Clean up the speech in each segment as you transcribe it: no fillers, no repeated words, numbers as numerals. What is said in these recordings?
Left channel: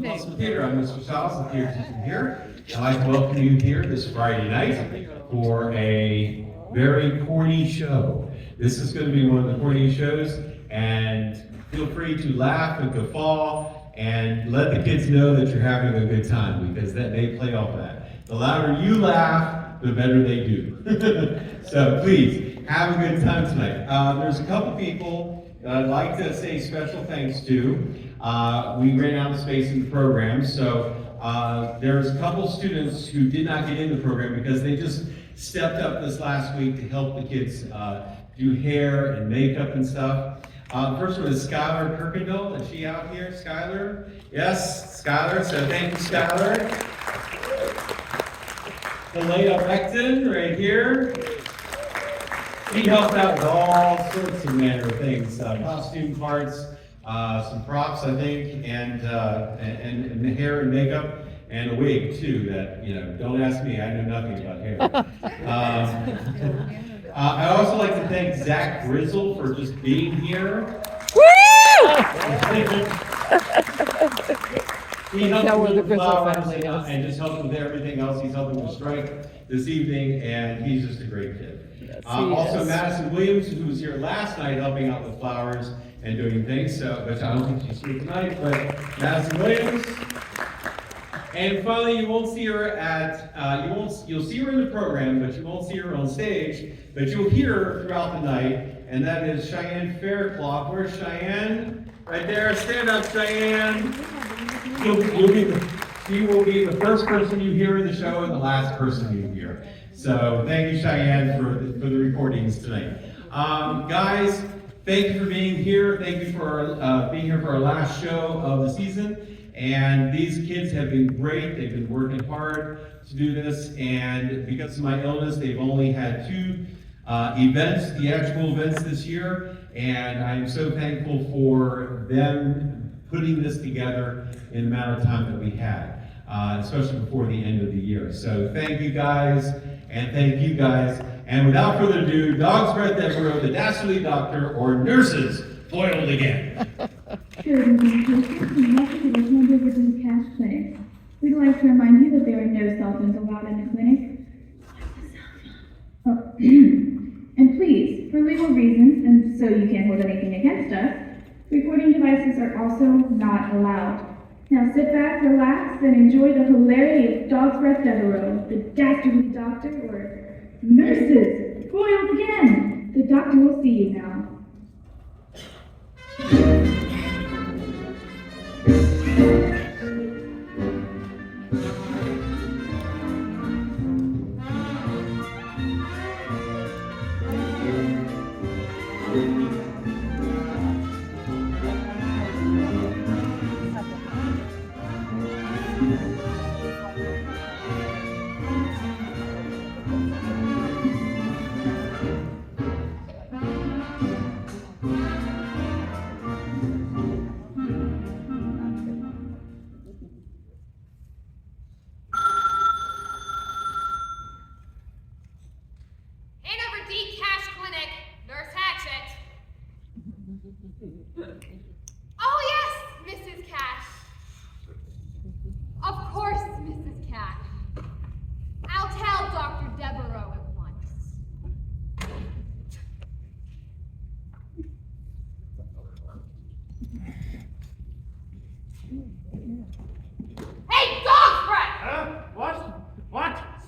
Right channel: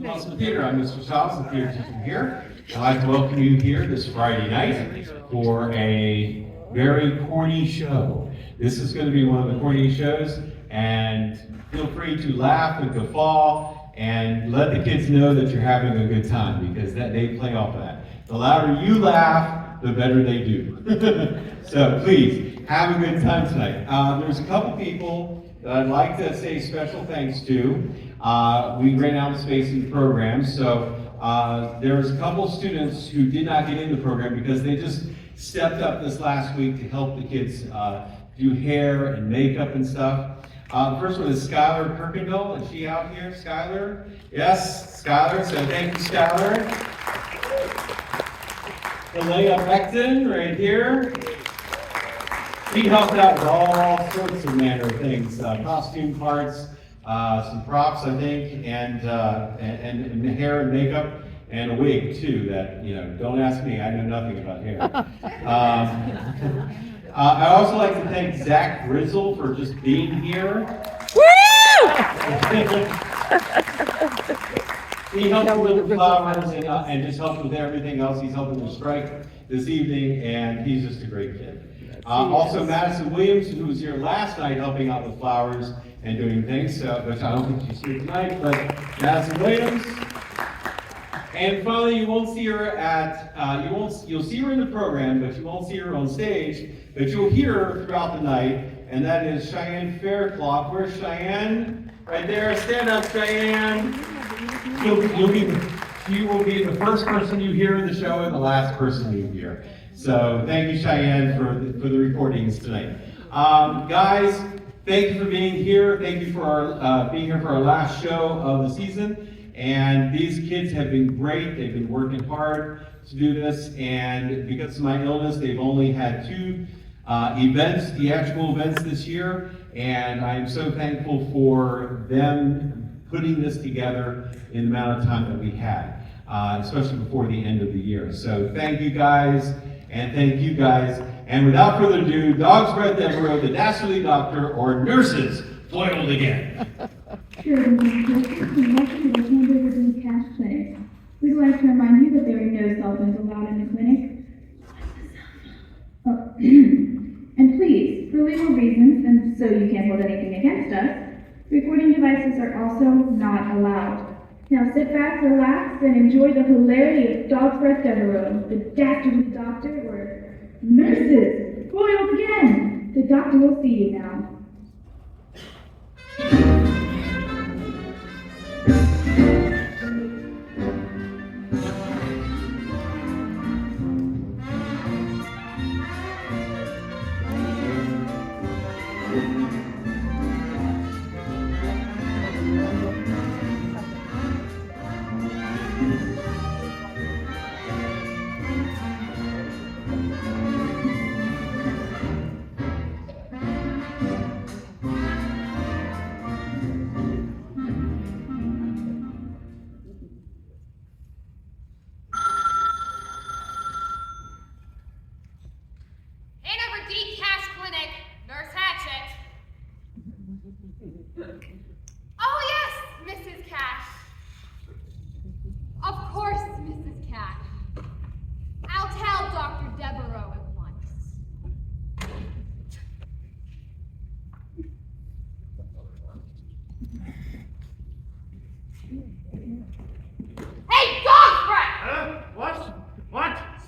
Musselman Theater. I'm Mr. Stiles, the theater teacher here. I'd like to welcome you here this Friday night for a very corny show. This is going to be one of the corny shows, and feel free to laugh and guffaw and let the kids know that you're having a good time, because they play off that. The louder you laugh, the better they do. So please, have a good time tonight. There's a couple people that I'd like to say special thanks to. We ran out of space in the program, so there's a couple students who did not get in the program because they just stepped up this last week to help the kids do hair and makeup and stuff. The first one is Skylar Kirkendall. Is she out here, Skylar? Yes, Skylar, so thank you, Skylar. Leah Beckton, right here. She helped out with all sorts of manner of things, costume parts, some props, I think, and hair and makeup, and a wig too. That, you know, don't ask me, I know nothing about hair. I also like to thank Zach Grizzle for just being here. Woo! He helped with the flowers and just helped with everything else. He's helping with strike this evening, and he's just a great kid. Also, Madison Williams, who was here last night helping out with flowers and doing things, which I don't think she's here tonight, but Madison Williams. And finally, you won't see her at, you'll see her in the program, but you won't see her on stage, but you'll hear her throughout the night, and that is Cheyenne Faircloth. Where's Cheyenne? Right there, stand up, Cheyenne. She will be the first person you hear in the show and the last person you hear. So thank you, Cheyenne, for the recordings tonight. Guys, thank you for being here. Thank you for being here for our last show of the season. And these kids have been great. They've been working hard to do this. And because of my illness, they've only had 2 events, theatrical events this year. And I'm so thankful for them putting this together in the amount of time that we had, especially before the end of the year. So thank you guys, and thank you guys. And without further ado, Dogsbreath Deveraux, the Dastardly Doctor, or nurses, foiled again. Sure, next to the Hand Over to Cash Clinic. We'd like to remind you that there are no cell phones allowed in the clinic. And please, for legal reasons, and so you can't hold anything against us, recording devices are also not allowed. Now sit back, relax, and enjoy the hilarity of Dogsbreath Deveraux, the Dastardly Doctor, or nurses, foiled again. The doctor will see you now.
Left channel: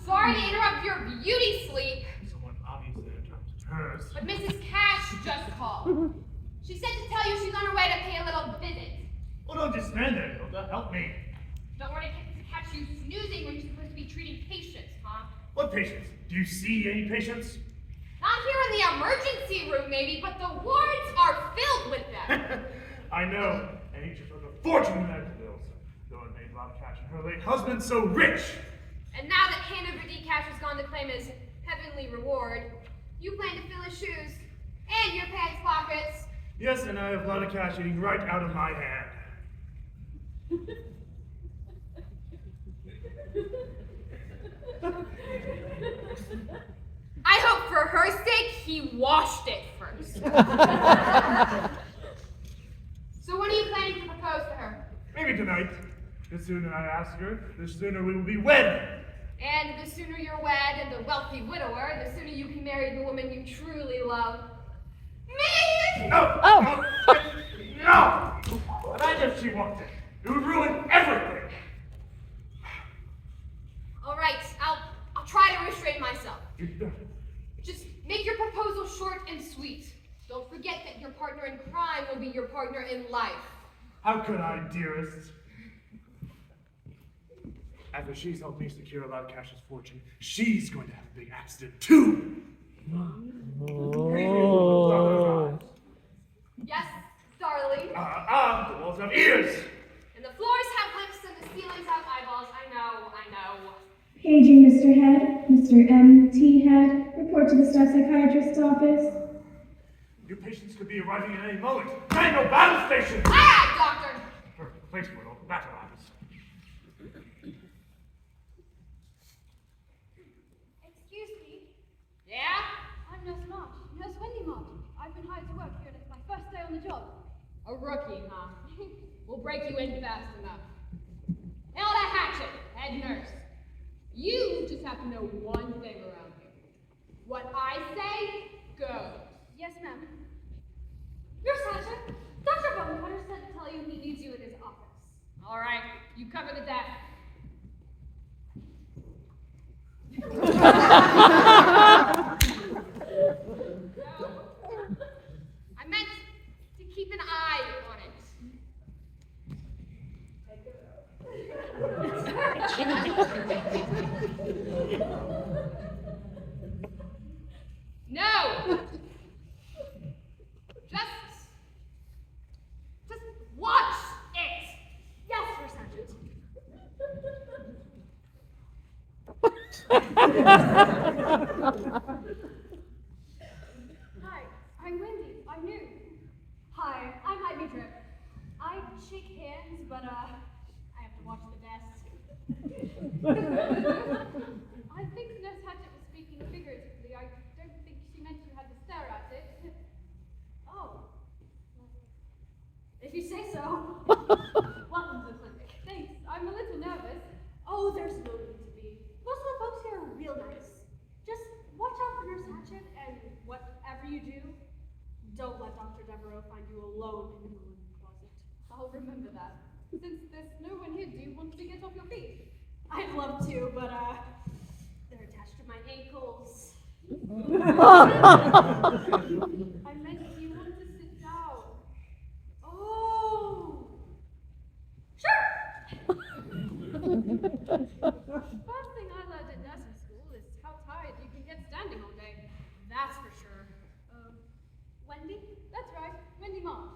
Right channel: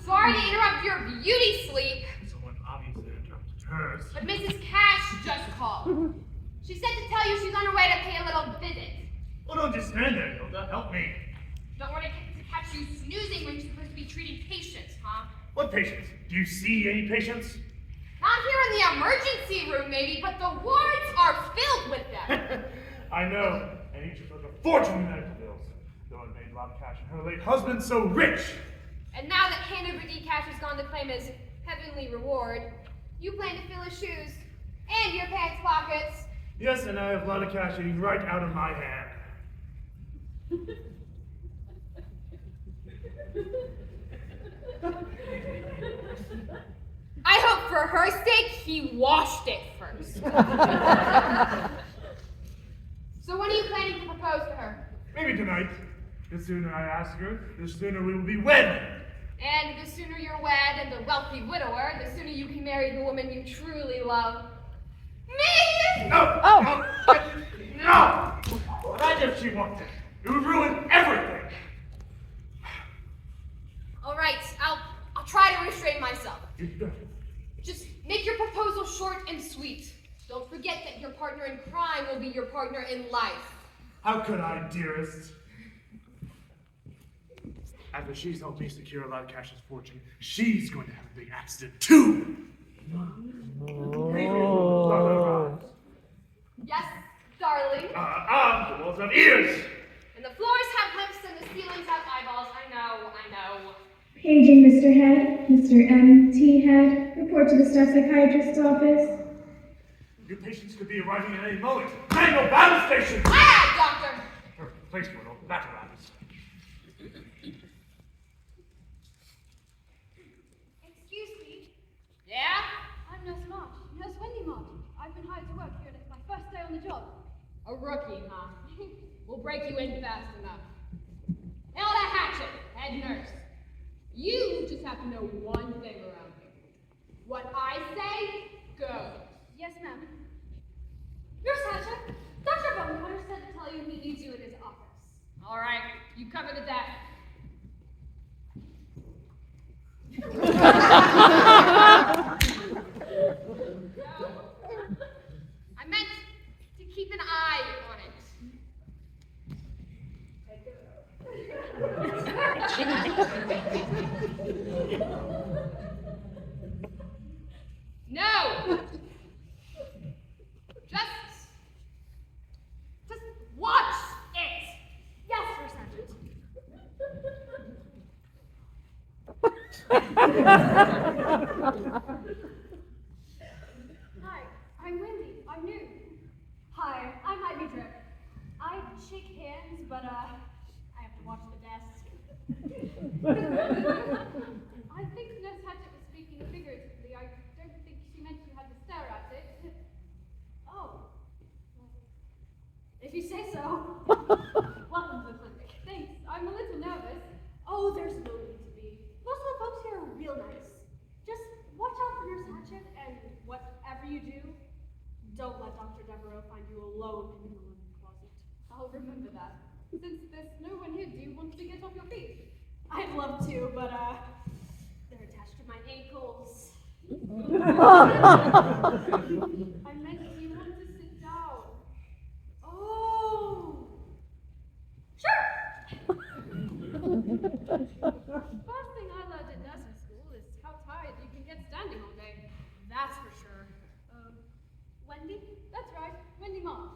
Sorry to interrupt your beauty sleep. Someone obviously interrupted hers. But Mrs. Cash just called. She said to tell you she's on her way to pay a little visit. Oh, don't just stand there, Hilda. Help me. Don't want to catch you snoozing when you're supposed to be treating patients, huh? What patients? Do you see any patients? Not here in the emergency room, maybe, but the wards are filled with them. I know, and each of us a fortune in medical bills. Though it made Rob Cash and her late husband so rich. And now that Hand Over Cash has gone to claim his heavenly reward, you plan to fill his shoes and your pants pockets. Yes, and I have a lot of cash eating right out of my hand. I hope for her sake he washed it first. So when are you planning to propose to her? Maybe tonight. The sooner I ask her, the sooner we will be wed. And the sooner you're wed and the wealthy widower, the sooner you can marry the woman you truly love. Me! No! No! No! Imagine if she wanted. It would ruin everything. All right, I'll try to restrain myself. Just make your proposal short and sweet. Don't forget that your partner in crime will be your partner in life. How could I, dearest? After she's helped me secure Loudcash's fortune, she's going to have a big accident too. Yes, darling. The walls have ears. And the floors have lips and the ceilings have eyeballs. I know. Paging Mr. Head, Mr. M.T. Head, report to the staff psychiatrist's office. Your patients could be arriving at any moment. Manual battle station! Ah, doctor! Her replacement of battle apparatus. Excuse me. Yeah? I'm Nurse March, Nurse Wendy March. I've been hired to work here and it's my first day on the job. A rookie, huh? We'll break you in fast enough. Elda Hatchet, head nurse. You just have to know one thing around here. What I say, goes. Yes, ma'am. Nurse Hatchet, Dr. Bonfire said to tell you he needs you in his office. All right, you cover the desk. I meant to keep an eye on it. No! Just watch it! Yes, Sir Sergeant. Hi, I'm Wendy. I'm new. Hi, I might be Drip. I'd shake hands, but I have to watch the desk. I think Nurse Hatchet was speaking figuratively. I don't think she meant you had to stare at it. Oh. If you say so. Welcome to the clinic. Thanks. I'm a little nervous. Oh, there's no need to be. Most of the folks here are real nice. Just watch out for Nurse Hatchet, and whatever you do, don't let Dr. Deveraux find you alone in the linen closet. I'll remember that. Since there's no one here, do you want to get off your feet? I'd love to, but they're attached to my ankles. I meant you want to sit down. Oh! Sure! First thing I learned at nursing school is how tired you can get standing all day. That's for sure. Wendy? That's right, Wendy March.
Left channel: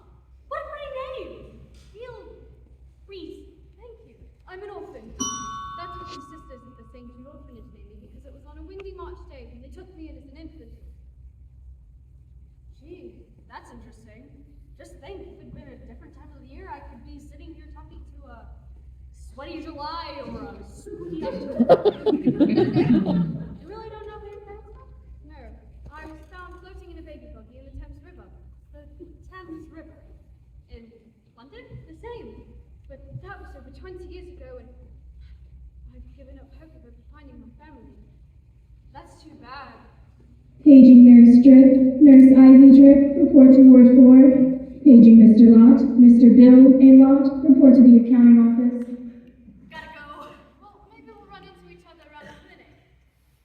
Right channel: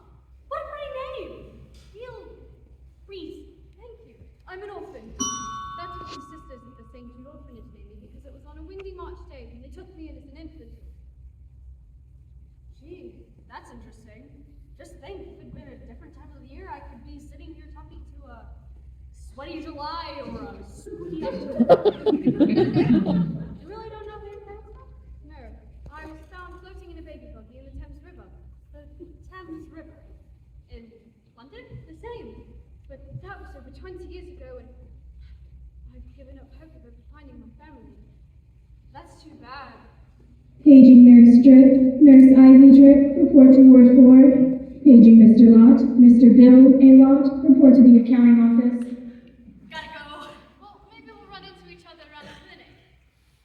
What a pretty name! Real Reese. Thank you. I'm an orphan. That's what your sisters at the St. Jude Orphanage named me because it was on a windy March day when they took me in as an infant. Gee, that's interesting. Just think, if it'd been a different time of the year, I could be sitting here talking to a sweaty July or a spooky October. You really don't know who your parents are? No, I was found floating in a baby buggy in the Thames River. The Thames River. In London? The same. But that was over 20 years ago, and I've given up hope of ever finding my family. That's too bad. Paging Nurse Drip, Nurse Ivy Drip, report to Ward 4. Paging Mr. Lott, Mr. Bill A. Lott, report to the accounting office. Gotta go. Well, maybe we'll run into each other around the clinic.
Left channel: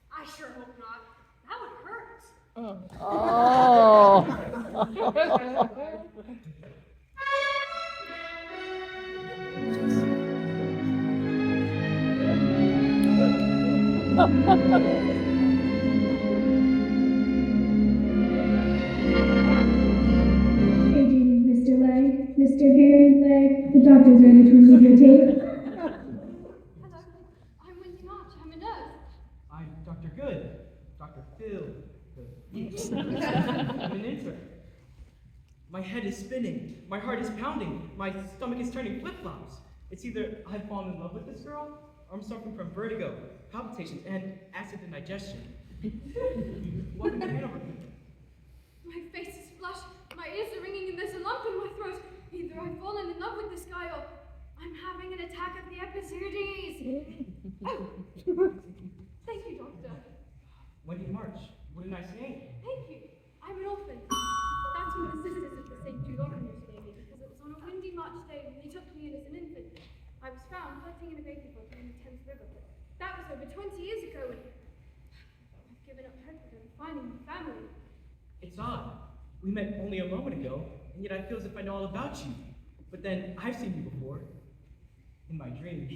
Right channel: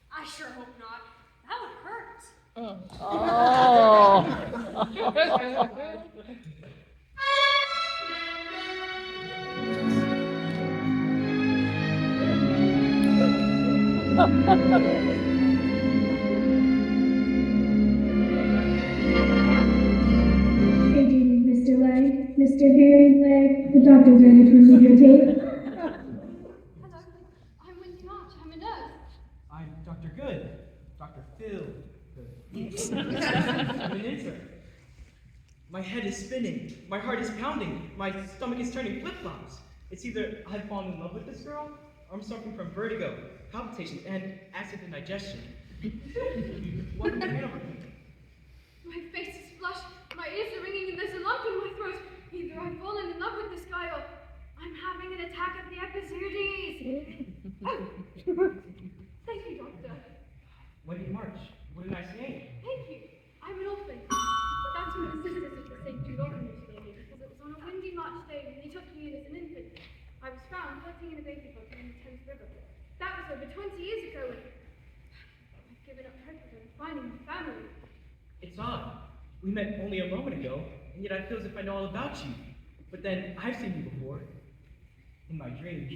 I sure hope not. That would hurt. Paging Mr. Legg, Mr. Harry Legg, the doctor's ready to remove your tape. Hello, I'm Wendy March. I'm a nurse. I'm Dr. Good. Dr. Phil. I'm an intern. My head is spinning. My heart is pounding. My stomach is turning flip-flops. It's either I've fallen in love with this girl, or I'm suffering from vertigo, palpitations, and acid indigestion. What am I on? My face is flushed, my ears are ringing, and there's a lump in my throat. Either I've fallen in love with this guy, or I'm having an attack of the Oh, thank you, Doctor. Wendy March, what a nice name. Thank you. I'm an orphan. That's what the sisters of the St. Jude orphanage gave me, because it was on a windy March day when they took me in as an infant. I was found floating in a baby boat in the Thames River. That was over 20 years ago, and I've given up hope of finding my family. It's odd. We met only a moment ago, and yet I feel as if I know all about you. But then I've seen you before. In my dreams.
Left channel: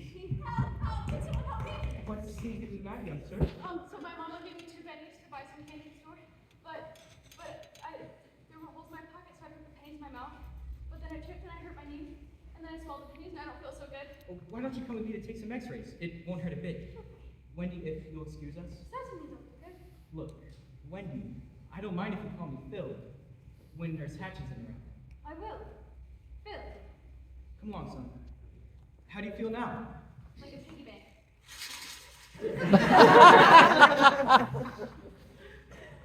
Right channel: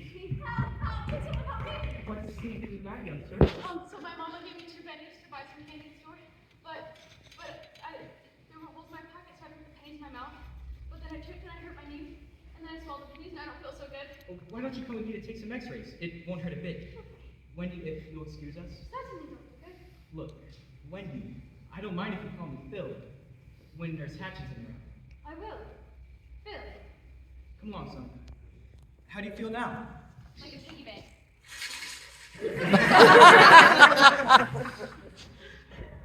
What's the scene in that, young sir? So my mama gave me 2 pennies to buy some candy at the store, but there were holes in my pocket, so I put the pennies in my mouth. But then I tripped and I hurt my knee, and then I swallowed the pennies, and I don't feel so good. Oh, why don't you come with me to take some x-rays? It won't hurt a bit. Wendy, if you'll excuse us. Certainly, Doctor. Look, Wendy, I don't mind if you call me Phil when Nurse Hatch is around. I will. Phil. Come along, son. How do you feel now? Like a piggy bank.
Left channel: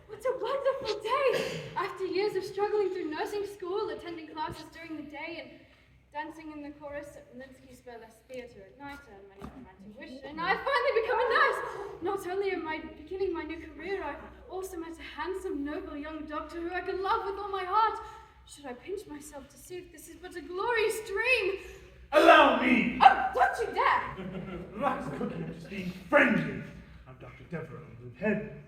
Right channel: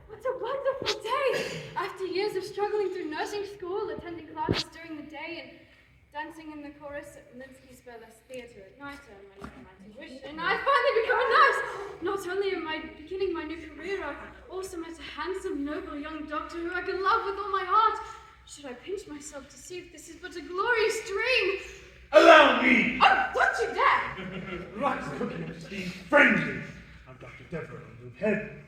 What a wonderful day! After years of struggling through nursing school, attending classes during the day, and dancing in the chorus at Minsky's Burlesque Theatre at night, and running for my tuition, I've finally become a nurse! Not only am I beginning my new career, I've also met a handsome, noble young doctor who I can love with all my heart. Should I pinch myself to see if this is but a glorious dream? Allow me! Oh, don't you dare! Lots of cooking is being friendly. I'm Dr. Deveraux, the head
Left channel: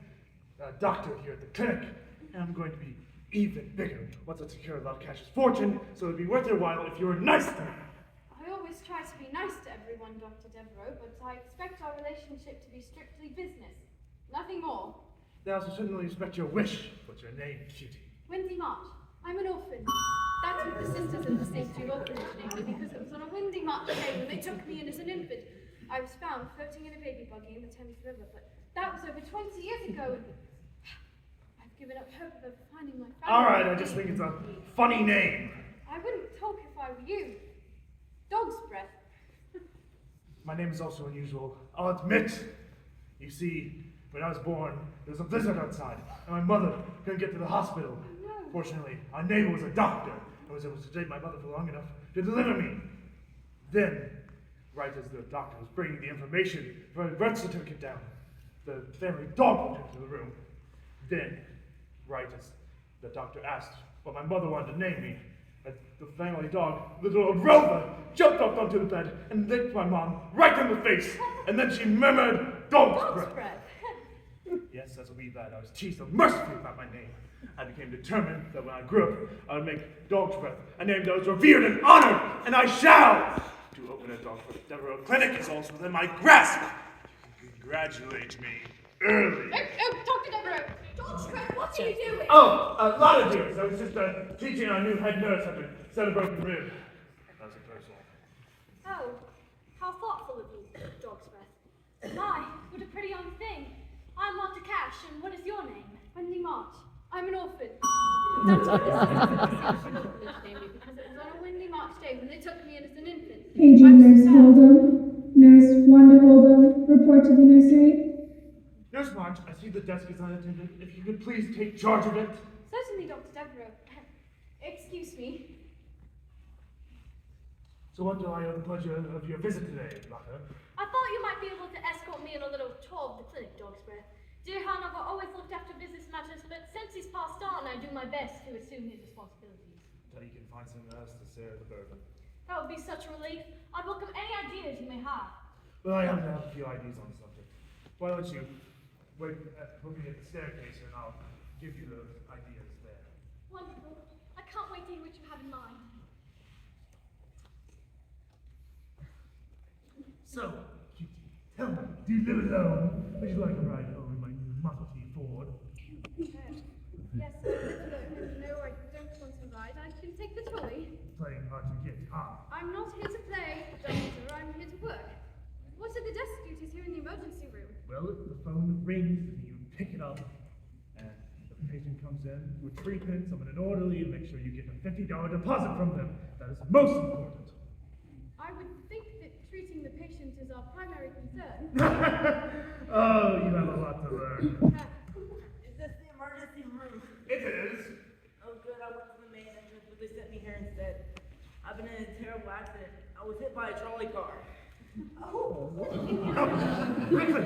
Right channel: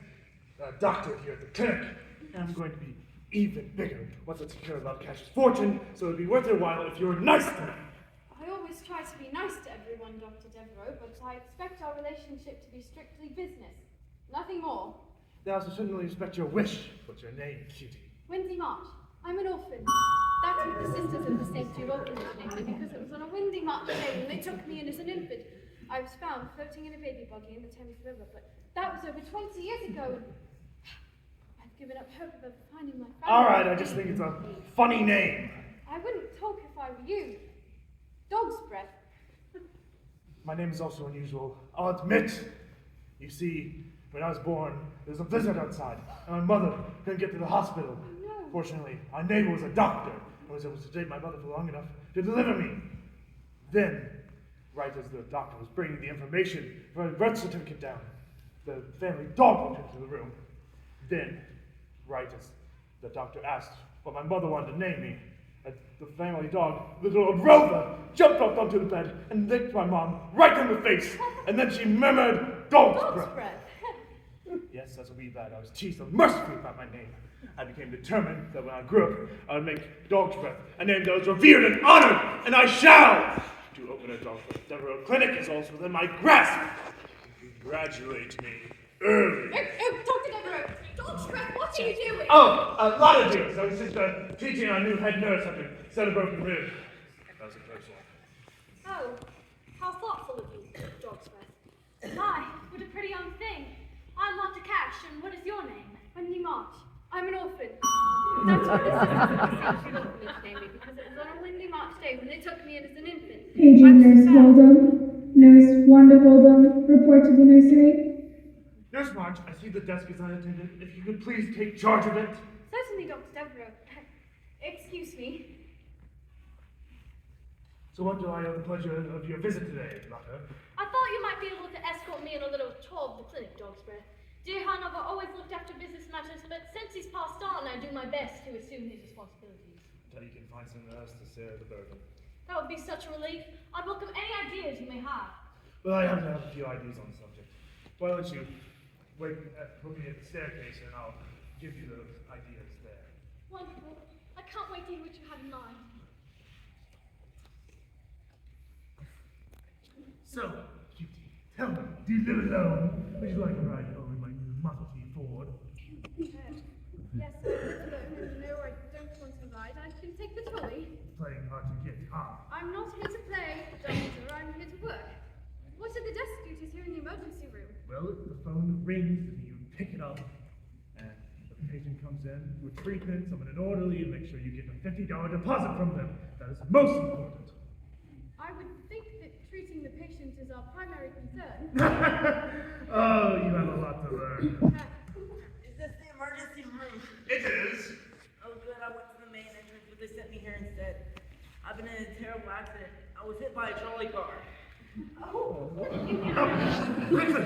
doctor here at the clinic, and I'm going to be even bigger once I secure Love Cash's fortune, so it'll be worth your while if you're nice to me. I always try to be nice to everyone, Dr. Deveraux, but I expect our relationship to be strictly business. Nothing more. Now, I certainly respect your wish. What's your name, cutie? Wendy March. I'm an orphan. That's what the sisters of the St. Jude orphanage named me, because it was on a windy March day when they took me in as an infant. I was found floating in a baby buggy in the Thames River, but that was over 20 years ago, and I've given up hope of ever finding my family. All right, I just think it's a funny name. I wouldn't talk if I were you. Dogsbreath. My name is also unusual, I'll admit. You see, when I was born, there was a blizzard outside, and my mother couldn't get to the hospital. Oh, no. Fortunately, our neighbor was a doctor and was able to sedate my mother for long enough to deliver me. Then, right as the doctor was bringing the information for my birth certificate down, the family dog walked into the room. Then, right as the doctor asked what my mother wanted to name me, the family dog, little old Rover, jumped up onto the bed and licked my mom right in the face, and then she murmured, "Dogsbreath." Yes, as a wee lad, I was teased so mercifully about my name. I became determined that when I grew up, I would make Dogsbreath a name that was revered and honored, and I shall! To open a Dogsbreath Deveraux clinic is also within my grasp. You can congratulate me early. Dr. Deveraux, Dogsbreath, what are you doing? Oh, a lot of things. I was just teaching our new head nurse how to set a broken rib. That was a close one. Oh, how thoughtful of you, Dogsbreath. My, what a pretty young thing. I'm Dr. Cash, and what is your name? Wendy March. I'm an orphan. That's what the sisters of the St. Jude orphanage named me, because it was on a windy March day when they took me in as an infant. Paging Nurse Hold'em. Nurse Wanda Hold'em, report to the nursery. Nurse March, I see the desk is unattended. If you could please take charge of it. Certainly, Dr. Deveraux. Excuse me. So what do I owe the pleasure of your visit today, Doctor? I thought you might be able to escort me on a little tour of the clinic, Dogsbreath. Dear Hanover always looked after business matters, but since he's passed on, I do my best to assume his responsibilities. Until you can find someone else to share the burden. That would be such a relief. I'd welcome any ideas you may have. Well, I happen to have a few ideas on the subject. Why don't you wait for me at the staircase and I'll give you those ideas there. Wonderful. I can't wait to hear what you have in mind. So, cutie, tell me, do you live alone? Would you like a ride over in my new Model T Ford? Yes, I live alone, and no, I don't want to ride. I can take the trolley. Playing hard to get, huh? I'm not here to play, Doctor. I'm here to work. What are the desk duties here in the emergency room? Well, the phone rings and you pick it up, and the patient comes in with 3 pins of an orderly and make sure you get a $50 deposit from them. That is most important. I would think that treating the patient is our primary concern. Oh, you have a lot to learn. Is this the emergency room? It is. Oh, good. I went to the main entrance, but they sent me here instead. I've been in a terrible accident. I was hit by a trolley car. Oh, Quickly,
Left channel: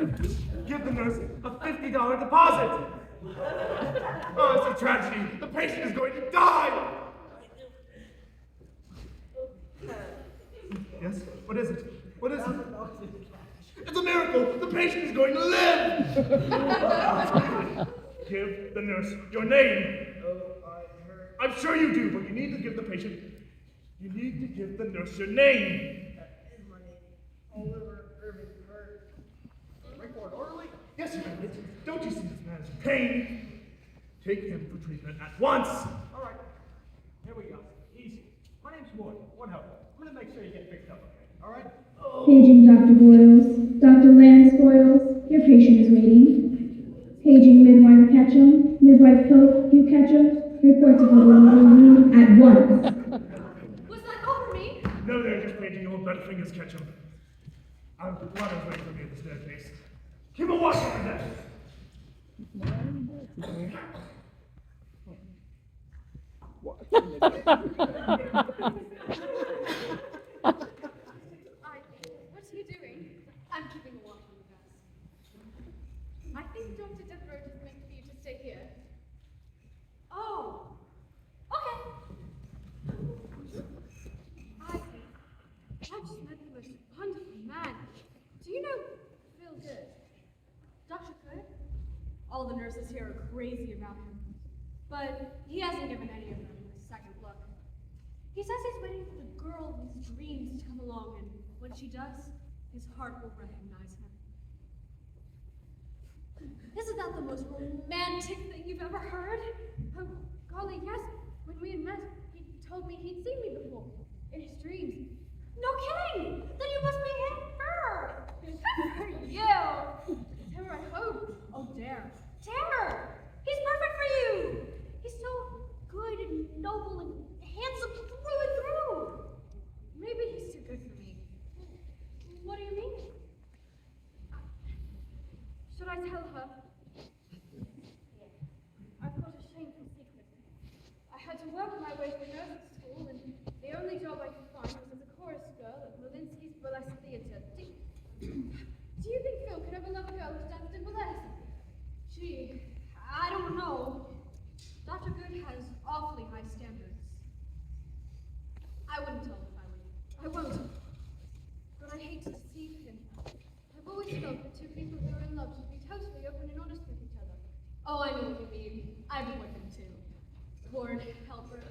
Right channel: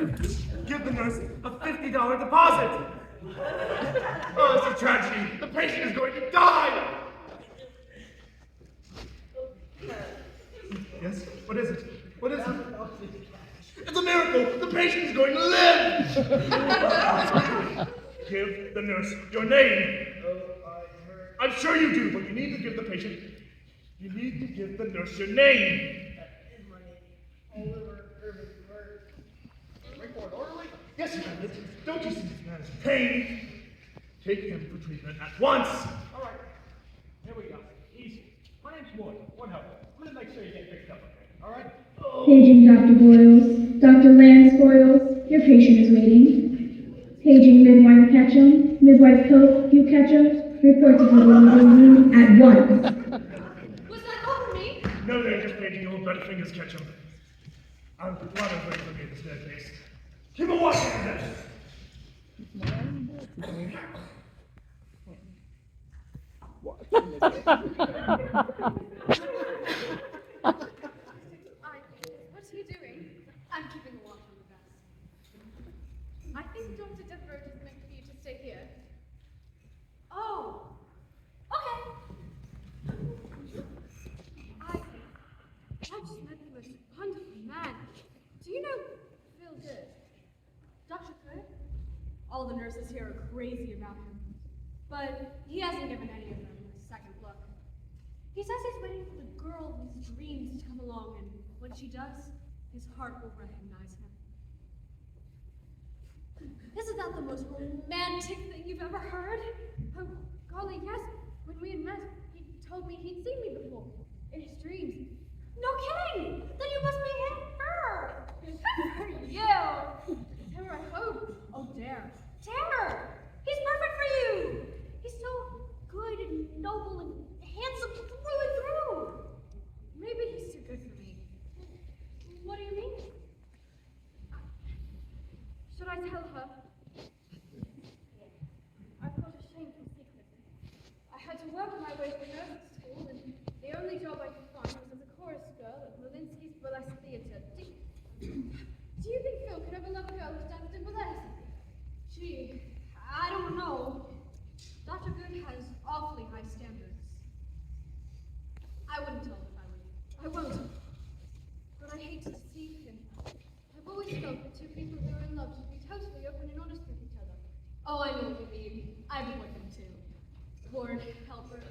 give the nurse a $50 deposit. Oh, it's a tragedy. The patient is going to die. Yes? What is it? What is it? It's a miracle! The patient is going to live! Give the nurse your name. I'm sure you do, but you need to give the patient, you need to give the nurse your name. That is my name. Oliver Irving Bird. Right for it, orderly? Yes, you can. Don't you see this man's pain? Take him for treatment at once. All right, here we go. Easy. My name's Ward. One helper. I'm gonna make sure you get picked up, okay? All right? Paging Dr. Boyles. Dr. Lance Boyles, your patient is waiting. Paging Midwife Ketchum. Midwife Cope, you Ketchum. Report to the room at once. Was that over me? No, they're just making your butterfingers catch him. I'm glad I was ready for me at the staircase. Keep a watch on that. What are you doing? I'm keeping a watch on the desk. I think Dr. Deveraux just meant for you to stay here. Oh, okay. I just met the most wonderful man. Do you know Phil Good? Dr. Good? All the nurses here are crazy about him, but he hasn't given any of them a second look. He says he's waiting for the girl of his dreams to come along, and when she does, his heart will recognize him. Isn't that the most romantic thing you've ever heard? Oh, golly, yes. When we had met, he told me he'd seen me before, in his dreams. No kidding! Then you must be him, Fur! Good for you! Terror, I hope. Oh, Dare. Terror! He's perfect for you! He's so good and noble and handsome through and through! Maybe he's too good for me. What do you mean? Should I tell her? I've got a shameful secret. I had to work my way through nursing school, and the only job I could find was as a chorus girl at Malinsky's Burlesque Theatre. Do you think Phil could ever love a girl who's danced in burlesque? Gee, I don't know. Dr. Good has awfully high standards. I wouldn't tell him if I were you. I won't. But I hate to deceive him. I've always felt that two people who are in love should be totally open and honest with each other. Oh, I know what you mean. I've been with him too. Ward Helper.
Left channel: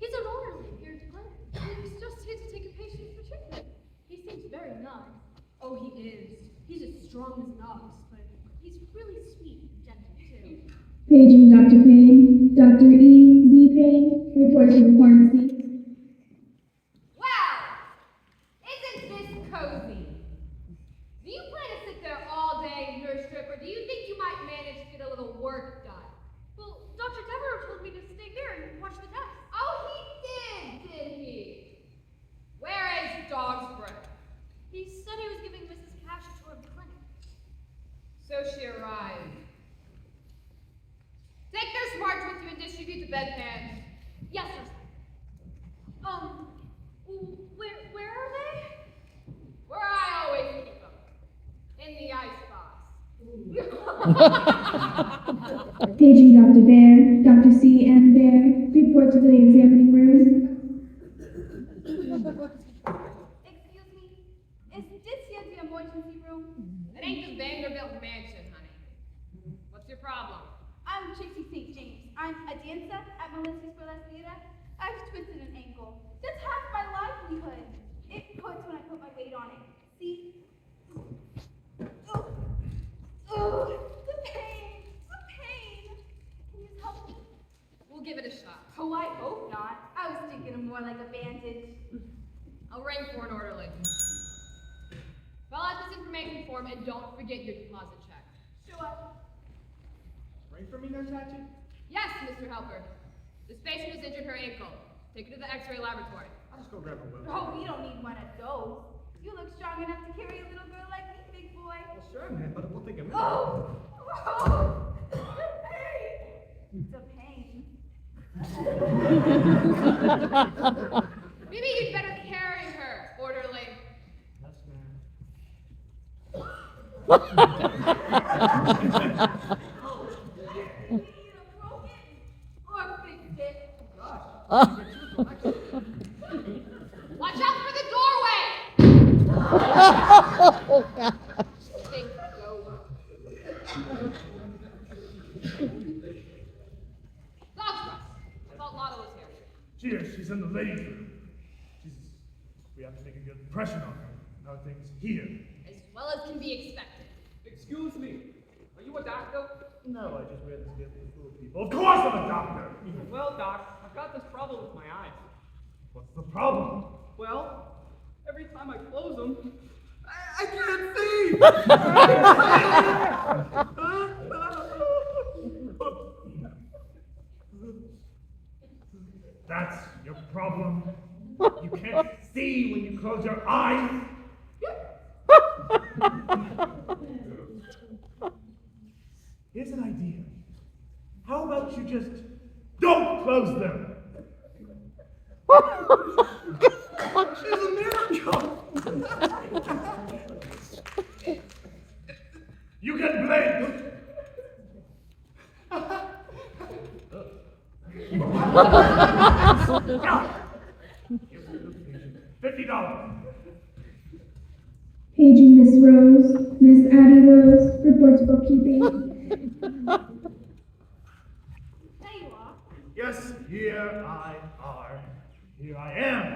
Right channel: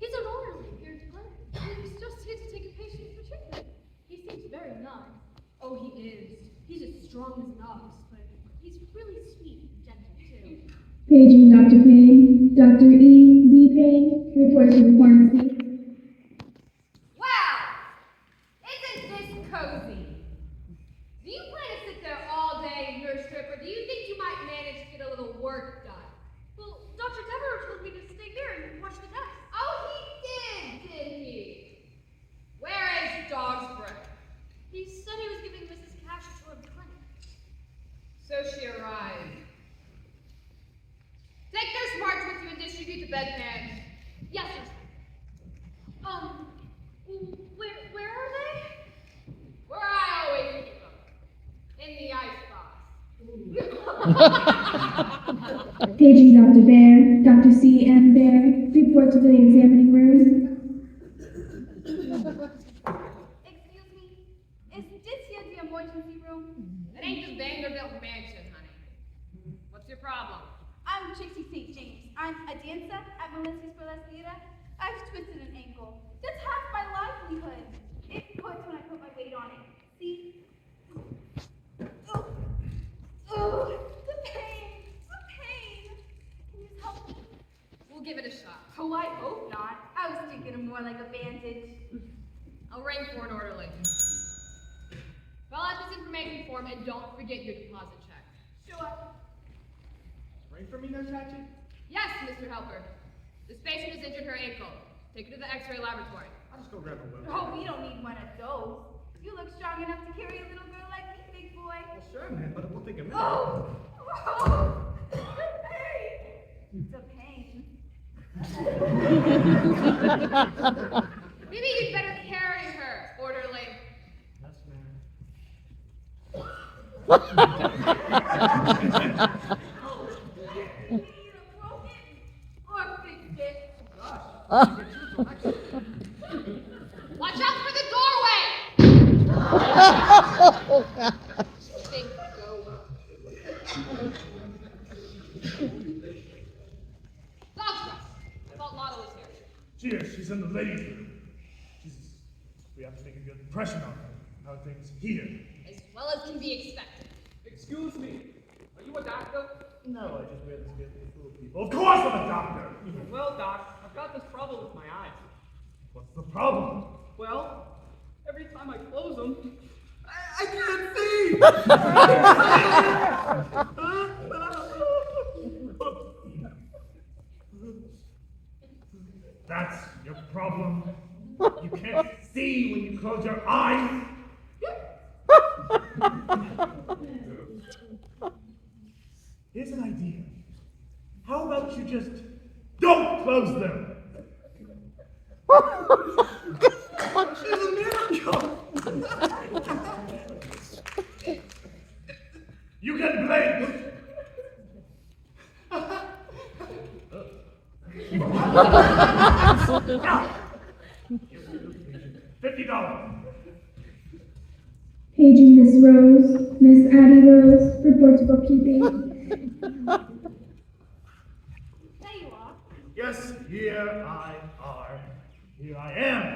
He's an orderly here in Glen. He's just here to take a patient for treatment. He seems very nice. Oh, he is. He's as strong as an ox, but he's really sweet and gentle too. Paging Dr. Payne. Dr. E. Z. Payne, report to the pharmacy. Wow! Isn't this cozy? Do you plan to sit there all day, nurse strip, or do you think you might manage to get a little work done? Well, Dr. Deveraux told me to stay here and watch the desk. Oh, he did he? Where is Dogsbreath? He said he was giving Mrs. Cash a tour of the clinic. So she arrived. Take their smarts with you and distribute the bedpans. Yes, sir. Where are they? Where I always keep them. In the icebox. Paging Dr. Bear. Dr. C. M. Bear, report to the examining room. Excuse me. Is this here the emergency room? It ain't the Vanderbilt mansion, honey. What's your problem? I'm Trixie St. James. I'm a dancer at Malinsky's Burlesque Theatre. I've twisted an ankle. That's half my livelihood. It hurts when I put my weight on it. See? Oh, the pain. The pain. Can you help me? We'll give it a shot. Oh, I hope not. I was thinking of more like a bandage. I'll ring for an orderly. Fill out this information form and don't forget your deposit check. Sure. Ready for me, Nurse Hatchet? Yes, Mr. Helper. This patient has injured her ankle. Take her to the X-ray laboratory. I'll just go grab a whip. Oh, we don't need one of those. You look strong enough to carry a little girl like me, big boy. Well, sure, man, but it will take a minute. Oh! The pain. Maybe you'd better carry her, orderly. Yes, ma'am. Or fixed it. Watch out for the doorway! Big go. Dogsbreath. I thought Lotto was here. She's in the ladies' room. We have to make a good impression on her. How things here. As well as can be expected. Excuse me, are you a doctor? No, I just read this get these little people. Of course I'm a doctor! Well, Doc, I've got this problem with my eyes. What's the problem? Well, every time I close them, I can't see! That's your problem. You can't see when you close your eyes. Here's an idea. How about you just don't close them? It's a miracle. You can blame. $50. Paging Miss Rose, Miss Addie Rose, reports bookkeeping. There you are. Yes, here I am.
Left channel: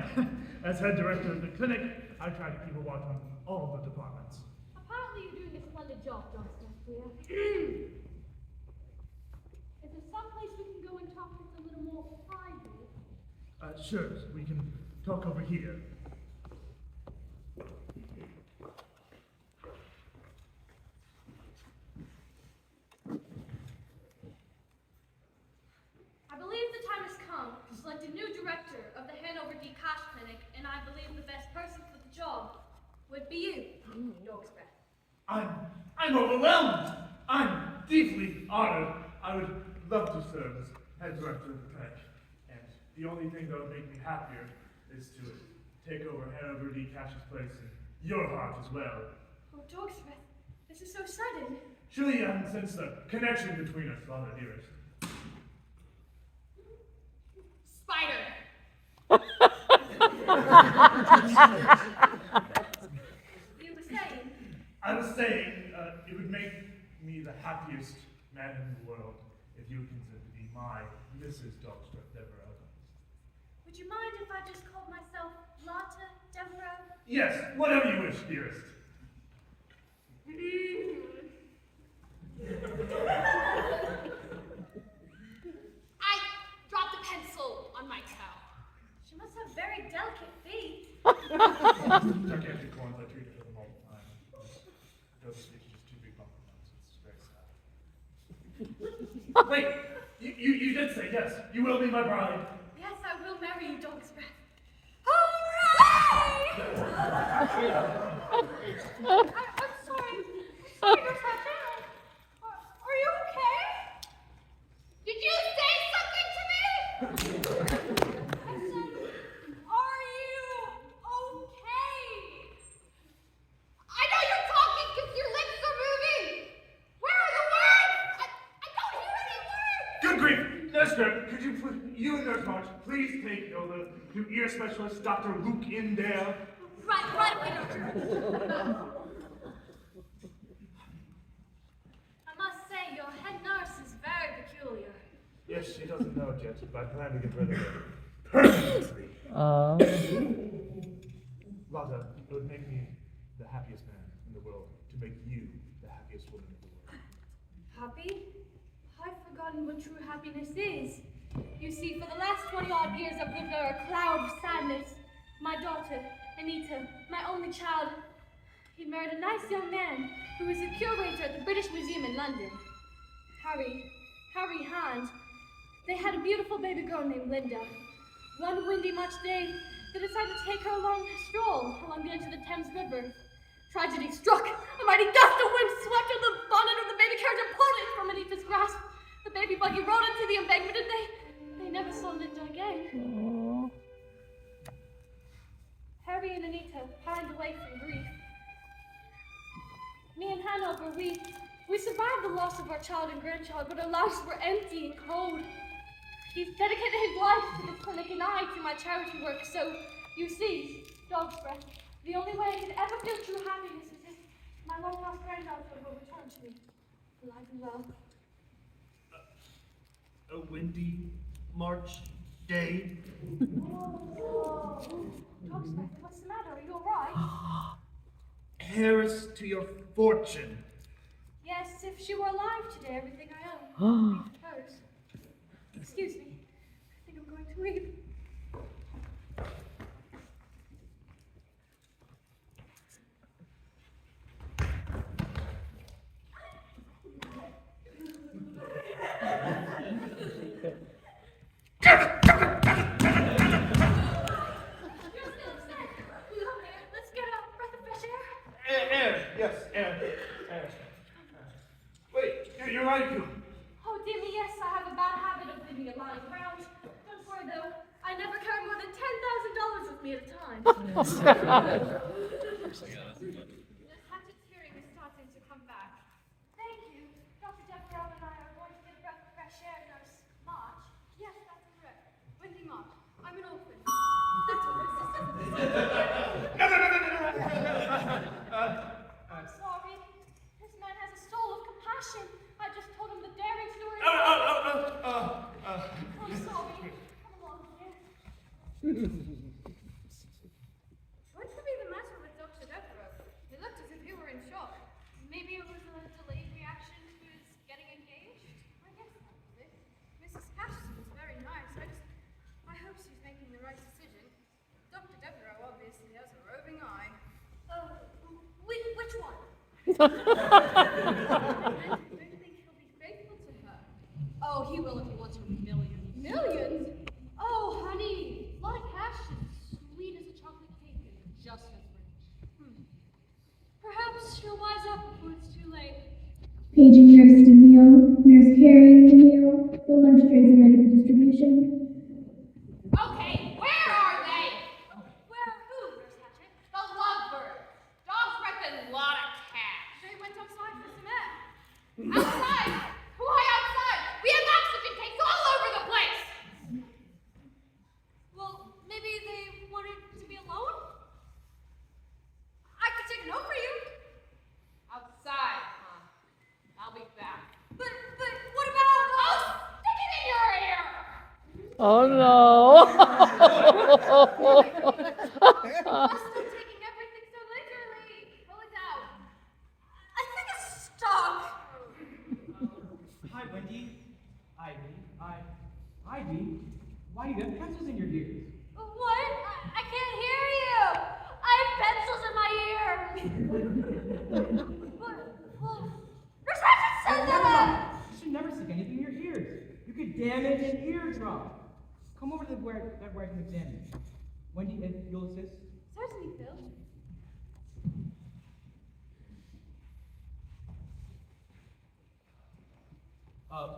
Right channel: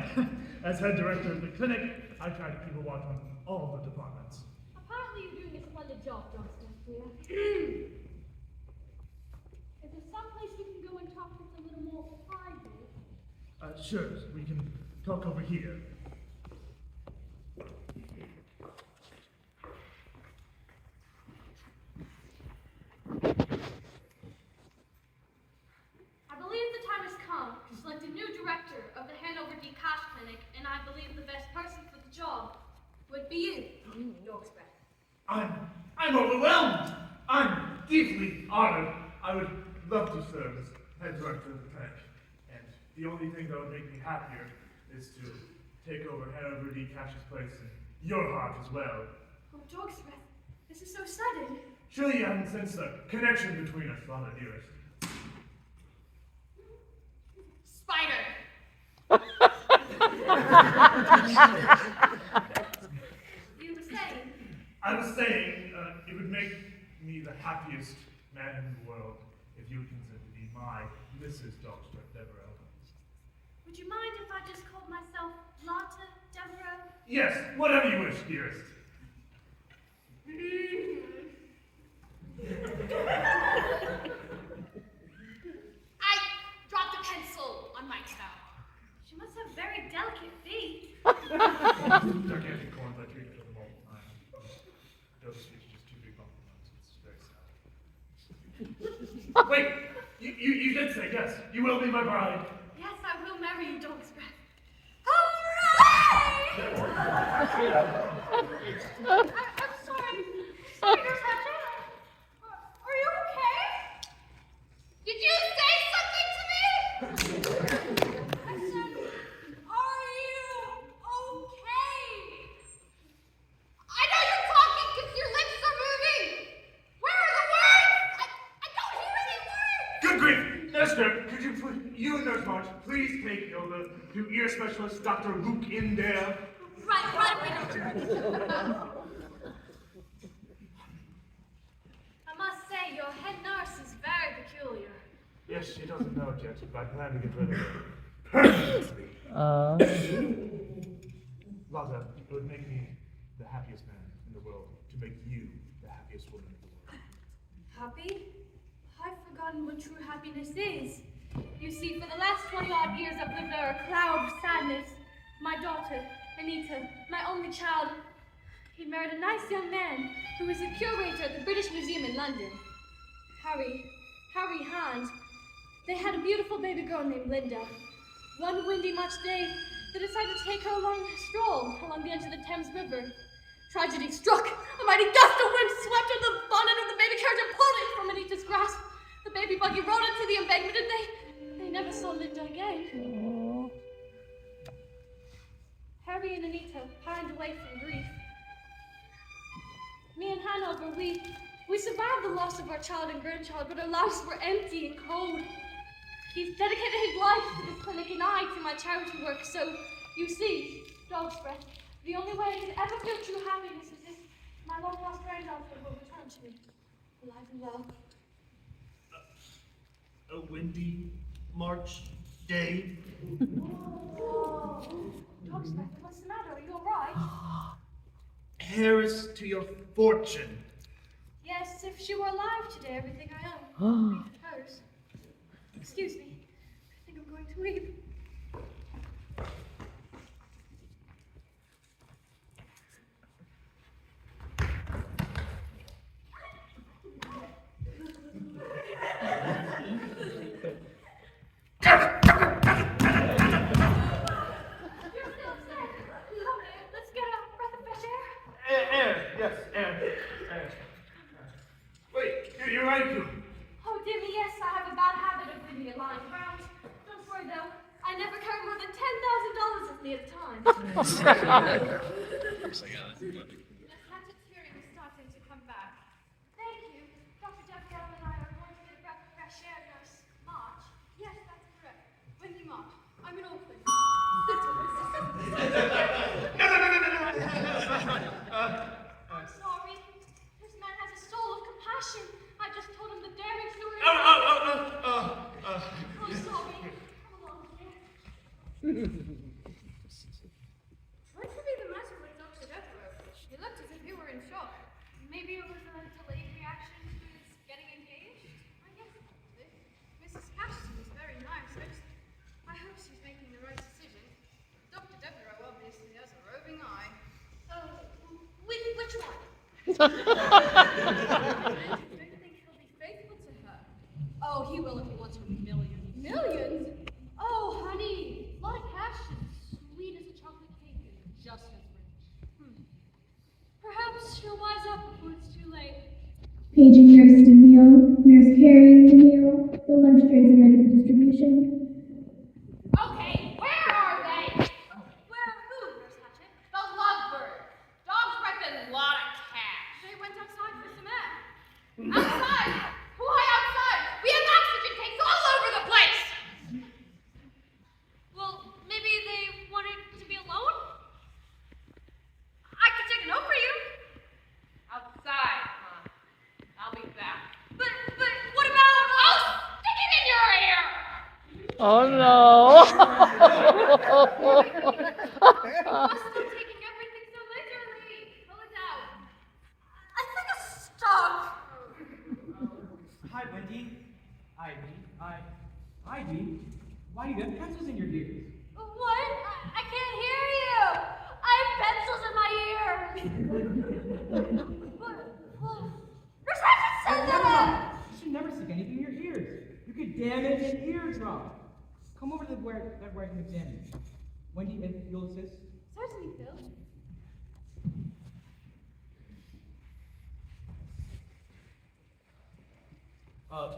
As head director of the clinic, I try to keep a watch on all the departments. Apparently you're doing a splendid job, Dr. Deveraux. Is there some place we can go and talk that's a little more private? Sure, we can talk over here. I believe the time has come to select a new director of the Hanover D. Cash Clinic, and I believe the best person for the job would be you, Dogsbreath. I'm overwhelmed. I'm deeply honored. I would love to serve as head director of the clinic. And the only thing that would make me happier is to take over Hanover D. Cash's place in your heart as well. Oh, Dogsbreath, this is so sudden. Surely you haven't sensed the connection between us, Father dearest. Spider. You were saying? I was saying, it would make me the happiest man in the world if you would consider to be my Mrs. Dogsbreath Deveraux. Would you mind if I just called myself Lotta Deveraux? Yes, whatever you wish, dearest. I dropped a pencil on my toe. She must have very delicate feet. Gigantic corns, I treat them all the time. Those speech is just too big bumpy ones. It's very sad. Wait, you did say yes. You will be my bride. Yes, I will marry you, Dogsbreath. I'm sorry. Speakers have down. Are you okay? Did you say something to me? I said, are you okay? I know you're talking because your lips are moving. Where are the words? I don't hear any words. Good grief! Nurse Grip, could you please, you and Nurse March, please take Hilda to ear specialist Dr. Luke in there? Right away, Doctor. I must say, your head nurse is very peculiar. Yes, she doesn't know it yet, but I plan to get rid of her. Permanently. Lotta, it would make me the happiest man in the world to make you the happiest woman in the world. Happy? I've forgotten what true happiness is. You see, for the last 20-odd years, I've lived under a cloud of sadness. My daughter, Anita, my only child, he married a nice young man who was a curator at the British Museum in London. Harry Hand. They had a beautiful baby girl named Linda. One windy March day, they decided to take her along a stroll along the edge of the Thames River. Tragedy struck. A mighty gust of wind swept in the bonnet of the baby carriage and pulled it from Anita's grasp. The baby buggy rode into the embankment and they never saw Linda again. Harry and Anita pined away from grief. Me and Hannah Albert. We survived the loss of our child and grandchild, but our lives were empty and cold. He's dedicated his life to the clinic and I to my charity work, so you see, Dogsbreath, the only way I could ever feel true happiness is if my long-lost granddaughter will return to me, alive and well. A windy March day. Oh, Dogsbreath, what's the matter? Are you alright? Heiress to your fortune. Yes, if she were alive today, everything I own would be hers. Excuse me. I think I'm going to weep. Let's get a breath of fresh air. Air, yes, air. Wait, you're right, you. Oh, dear me, yes, I have a bad habit of leaving it lying around. Don't worry, though. I never carry more than $10,000 with me at a time. The hatchet's hearing is starting to come back. Thank you. Dr. Deveraux and I are going to get a breath of fresh air, Nurse. March? Yes, that's correct. Wendy March. I'm an orphan. That's what this is. No. I'm sorry. This man has a soul of compassion. I just told him the daring story. I'm sorry. Come along here. What could be the matter with Dr. Deveraux? He looked as if he were in shock. Maybe it was a delayed reaction to his getting engaged? I guess probably. Mrs. Cashton is very nice. I hope she's making the right decision. Dr. Deveraux obviously has a roving eye. Which one? Don't you think he'll be faithful to her? Oh, he will if he wants her millions. Millions? Oh, honey, like Ashton, sweet as a chocolate cake and just as rich. Perhaps she'll wise up before it's too late. Paging Nurse DeMille, Nurse carrying DeMille, the lunch trays are ready for distribution. Okay, where are they? Where? Who, Nurse Hatchet? The lovebirds. Dogsbreath and a lot of cash. They went outside for some air. Outside? Why outside? We have oxygen tanks all over the place! Well, maybe they wanted to be alone? I could take a note for you. Outside, huh? I'll be back. But what about? Oh, stick it in your ear! Oh no. You must stop taking everything so literally. Pull it out. I think it's stuck. Hi, Wendy. Ivy. Why do you have pencils in your ears? What? I can't hear you. I have pencils in my ears. Well, Nurse Hatchet said that. You should never stick anything in your ears. You could damage an eardrum. Come over to where I can examine you. Wendy, if you'll assist. Certainly, Phil.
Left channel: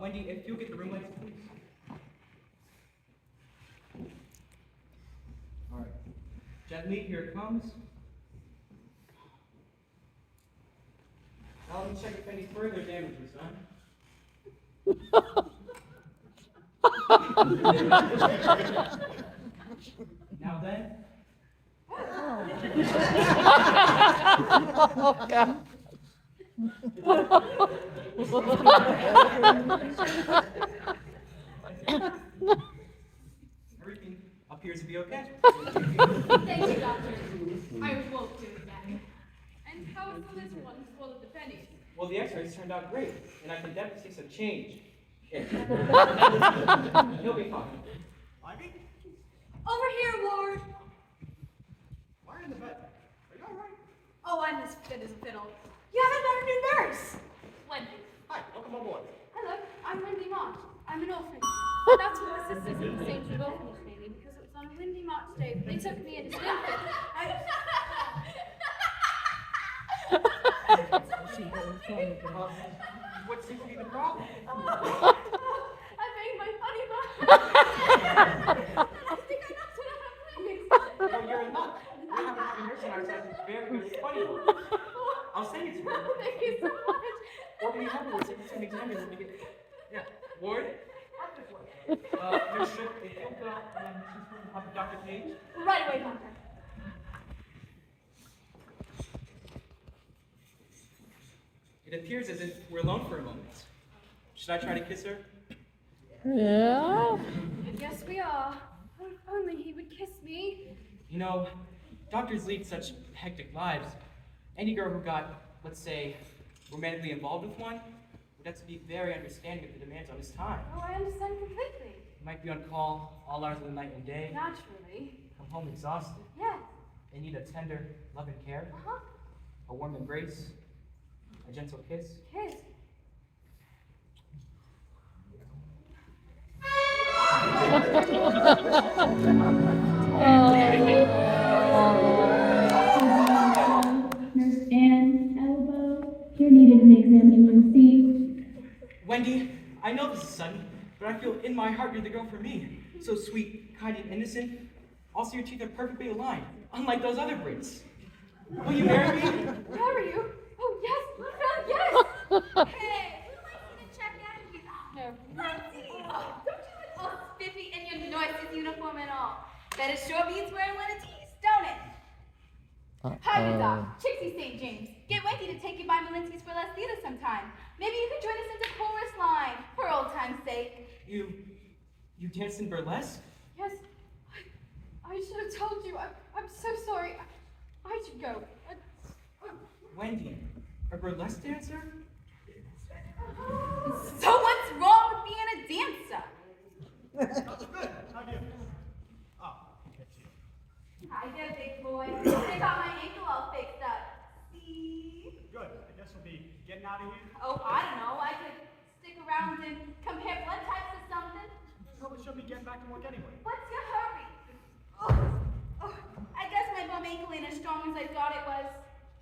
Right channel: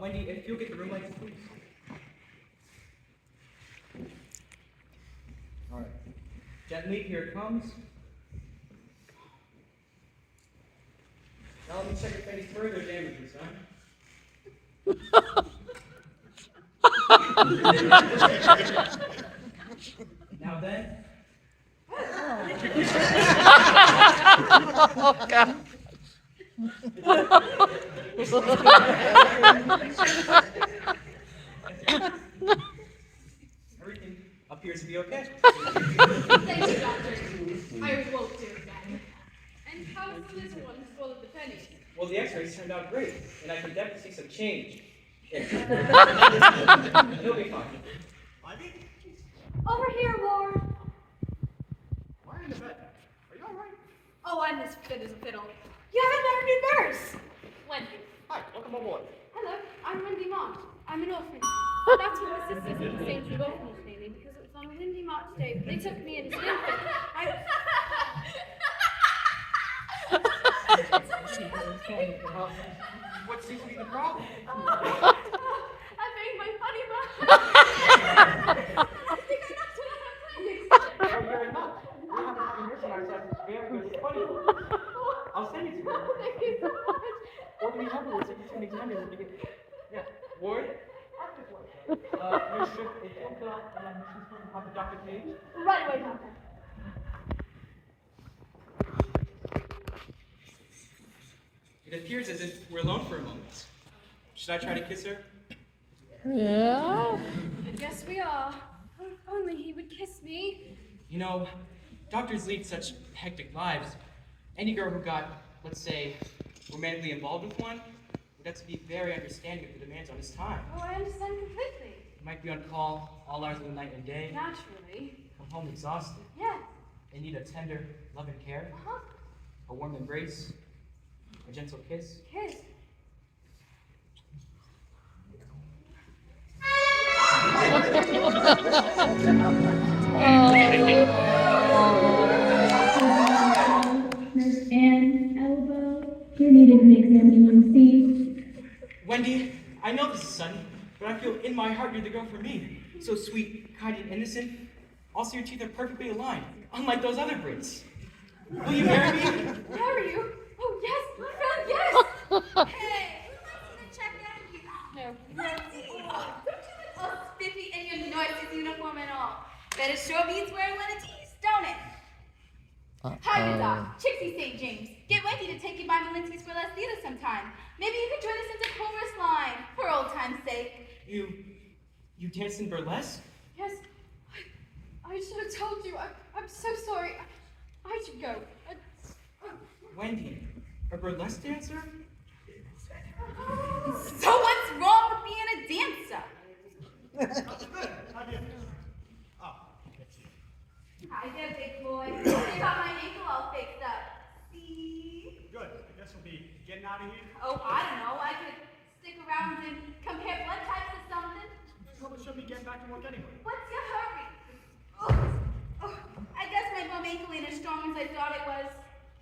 Wendy, if you'll get the room lights, please. All right. Gently, here it comes. Now let me check if any further damage was done. Now then. Oh God. Everything appears to be okay. Thank you, Doctor. I won't do it again. And how is the little one full of the pennies? Well, the x-rays turned out great, and I can definitely see some change. He'll be fine. Over here, Ward. Why are you in the bed? Are you alright? Oh, I'm as fit as a fiddle. You haven't met our new nurse. Wendy. Hi, welcome aboard. Hello, I'm Wendy Mott. I'm an orphan. That's what my sisters at the St. Jude Orphanage named because it was on a windy March day. They took me in as an infant. What seems to be the problem? I made my funny butt. I think I knocked it out of my Very much. We have a nursing ourselves very, very funny. I'll send it to you. Thank you so much. What do we have? It's an examiner. Yeah. Ward? Your strip, if you'll go and she's going to have Dr. Page. Right away, Doctor. It appears as if we're alone for a moment. Should I try to kiss her? Yeah. I guess we are. Oh, if only he would kiss me. You know, doctors lead such hectic lives. Any girl who got, let's say, romantically involved with one would have to be very understanding of the demands on his time. Oh, I understand completely. He might be on call all hours of the night and day, Naturally. come home exhausted. Yes. They need a tender love and care, Uh-huh. a warm embrace, a gentle kiss. Kiss. Nurse Ann, elbow. You're needed to be examined and see. Wendy, I know this is sudden, but I feel in my heart you're the girl for me. So sweet, kind, and innocent. Also, your teeth are perfectly aligned, unlike those other Brits. Will you marry me? Marry you? Oh, yes. Well, yes. Hey, who wants to check out of you? No. Let's see. Don't you look all spiffy in your nurse's uniform at all? Bet it sure beats wearing one of these, don't it? Hi, you Doc. Trixie St. James. Get Wendy to take you by Malinsky's for less theater sometime. Maybe you could join us into chorus line, for old time's sake. You dance in burlesque? Yes. I should have told you. I'm so sorry. I should go. Wendy, a burlesque dancer? So what's wrong with being a dancer? Hi there, big boy. They got my ankle all fixed up. See? Good. I guess we'll be getting out of here. Oh, I don't know. I could stick around and compare blood types or something. Probably should be getting back to work anyway. What's your hurry? Oh, I guess my bum ankle ain't as strong as I thought it was.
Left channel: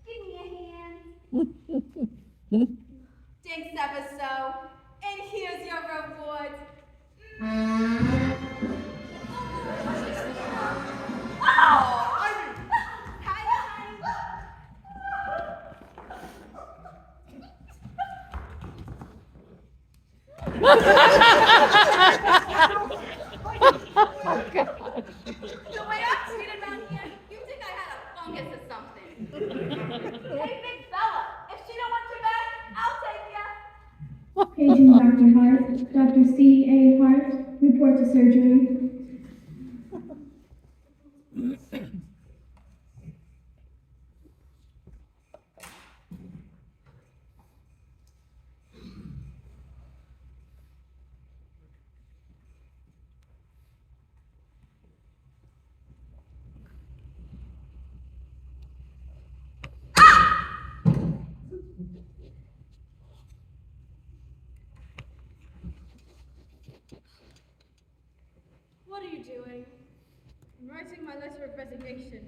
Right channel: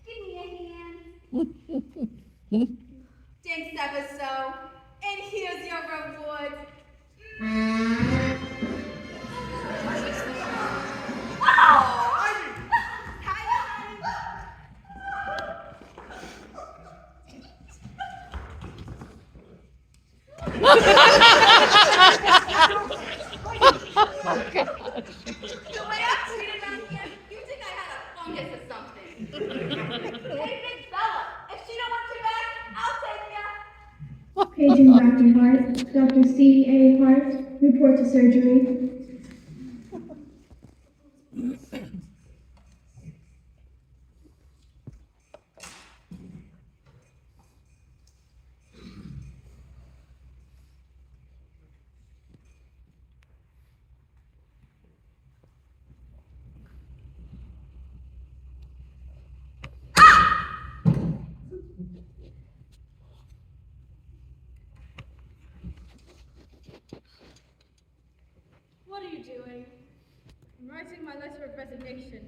Give me a hand. Thanks ever so. And here's your reward. Oh! Hi, honey. The way I'm treated around here, you think I had a fungus or something. Hey, big fella, if she don't want you back, I'll take ya. Paging Dr. Hart, Dr. C.A. Hart, report to surgery. What are you doing? I'm writing my letter of resignation.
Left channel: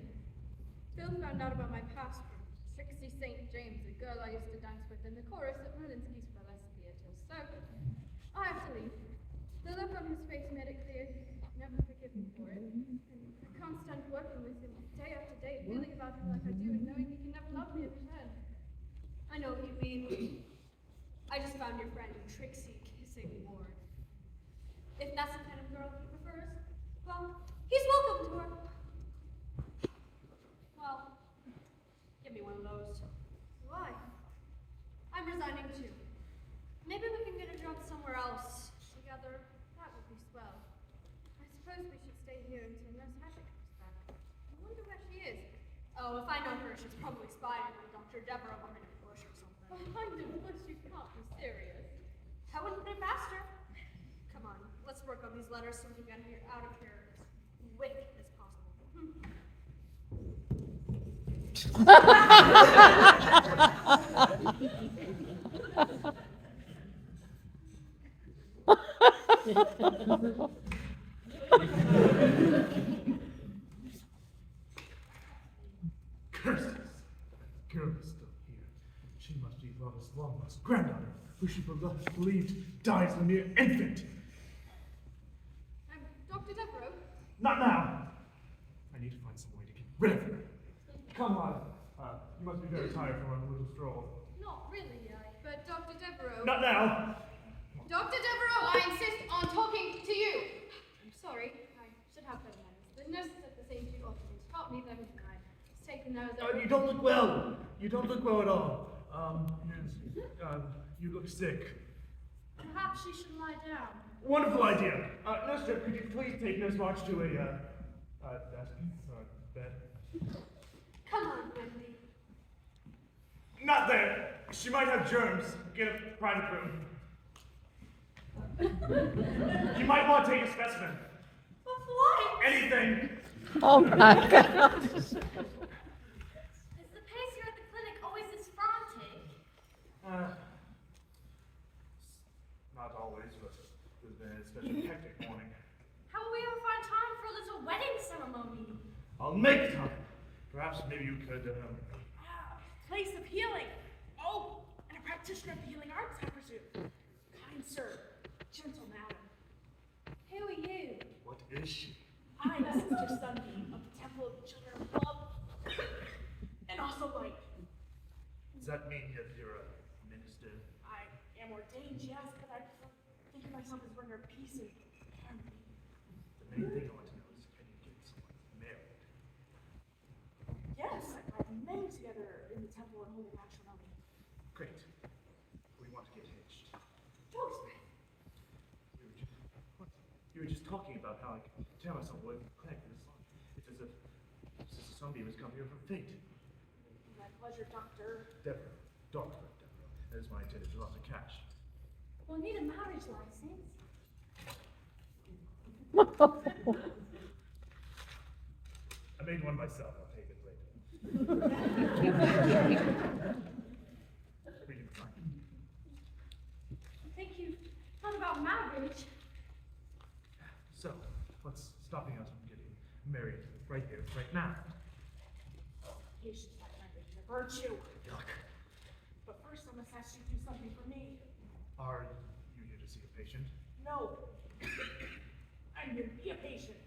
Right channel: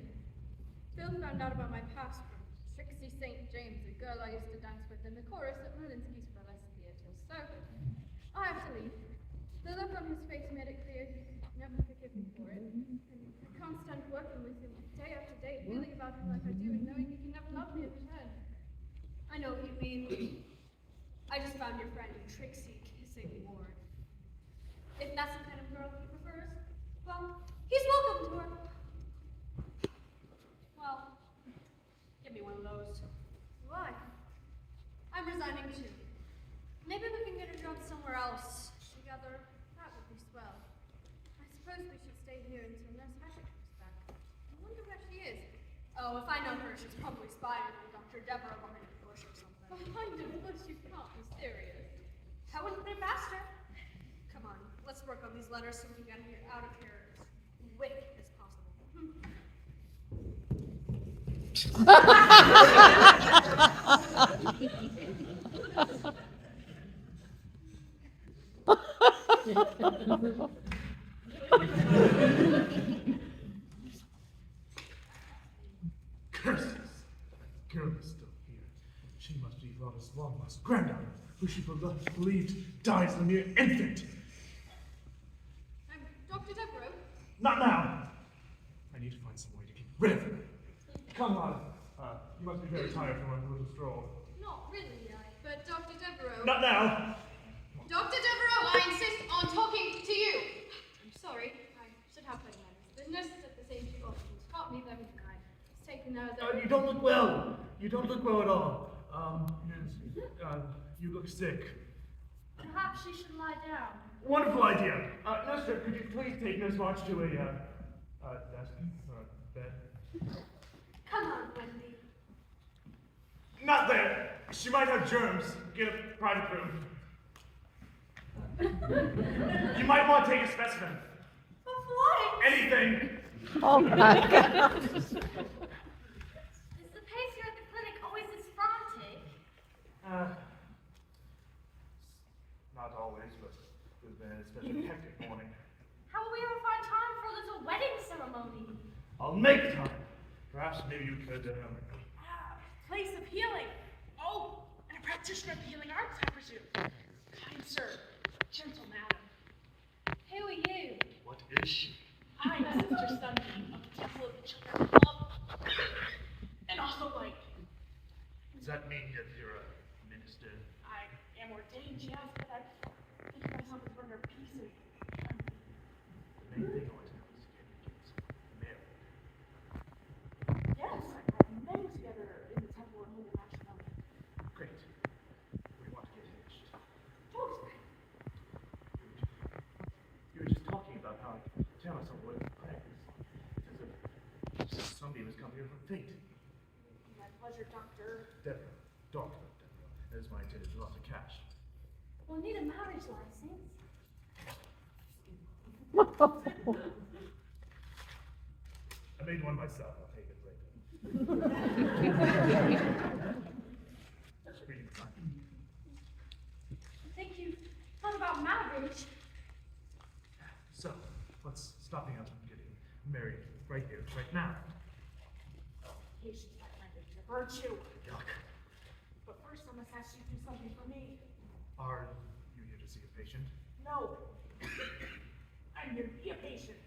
Phil found out about my past from Trixie St. James, the girl I used to dance with in the chorus at Malinsky's burlesque theatre. So, I have to leave. The look on his face made it clear he'd never forgive me for it. And I can't stand working with him day after day, feeling about him like I do and knowing he can never love me in return. I know what you mean. I just found your friend Trixie kissing Ward. If that's the kind of girl he prefers, well, he's welcome to her. Well, give me one of those. Why? I'm resigning too. Maybe we can get a job somewhere else together. That would be swell. I suppose we should stay here until Nurse Hatchet comes back. I wonder where she is. Oh, if I know her, she's probably spying on Dr. Deveraux behind a bush or something. Behind a bush? You can't be serious. I wouldn't put it past her. Come on, let's work on these letters so we can get out of here as quick as possible. Curses! That girl is still here. She must be Lawler's long-lost granddaughter, who she believed died as a mere infant. I'm Dr. Deveraux. Not now! I need to find some way to get rid of her. Come on, You must be very tired from a little stroll. Not really, but Dr. Deveraux. Not now. Dr. Deveraux, I insist on talking to you. I'm sorry, I should have better manners. The nurses at the St. Jude Hospitals taught me them, and I've taken those over. You don't look well. You don't look well at all. You look sick. Perhaps she should lie down. Wonderful idea. Nurse, could you please take Nurse March to a, bed? Come on, Wendy. Not there. She might have germs. Get a private room. You might want to take a specimen. Of what? Anything. Oh my God. Is the pace here at the clinic always this frantic? Not always, but there's been such a hectic morning. How will we ever find time for a little wedding ceremony? I'll make time. Perhaps maybe you could, Place of healing. Oh, and a practitioner of the healing arts, I presume. Kind sir, gentle madam. Who are you? What is she? I am Sister Sunbeam of the Temple of the Children of Love, and also light. Does that mean that you're a minister? I am ordained, yes, but I think of myself as bringer of peace and harmony. The main thing I want to know is can you get someone married? Yes, I've many together in the temple and holy matrimony. Great. We want to get hitched. Dogsbreath. You were just talking about how I can tell myself what clinic is. It's as if somebody was coming here from fate. My pleasure, Doctor. Deveraux. Dogsbreath Deveraux. That is my intended lots of cash. We'll need a marriage license. I made one myself. I'll take it later. Reading the sign. I think you thought about marriage. So, what's stopping us from getting married right here, right now? Patience, my friend, is a virtue. Yuck. But first, I must ask you to do something for me. Are you here to see a patient? No. I'm here to be a patient.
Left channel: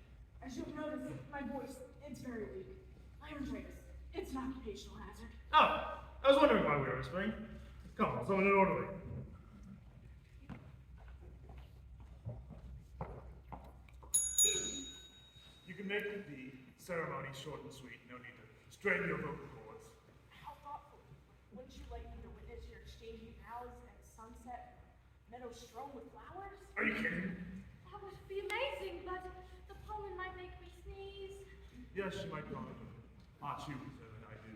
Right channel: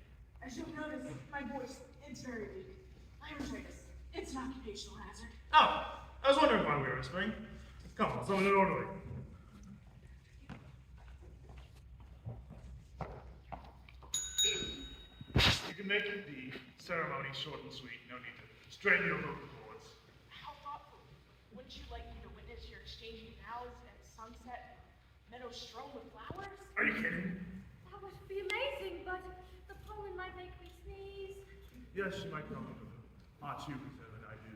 As you'll notice, my voice, it's very weak. Laryngitis. It's an occupational hazard. Oh! I was wondering why we were whispering. Come on, summon an orderly. You can make the ceremony short and sweet. No need to strain your vocal cords. How thoughtful. Wouldn't you like me to witness your exchanging vows at sunset, meadows strewn with flowers? Are you kidding? That would be amazing, but the pollen might make me sneeze. Yes, she might come to haunt you better than I do.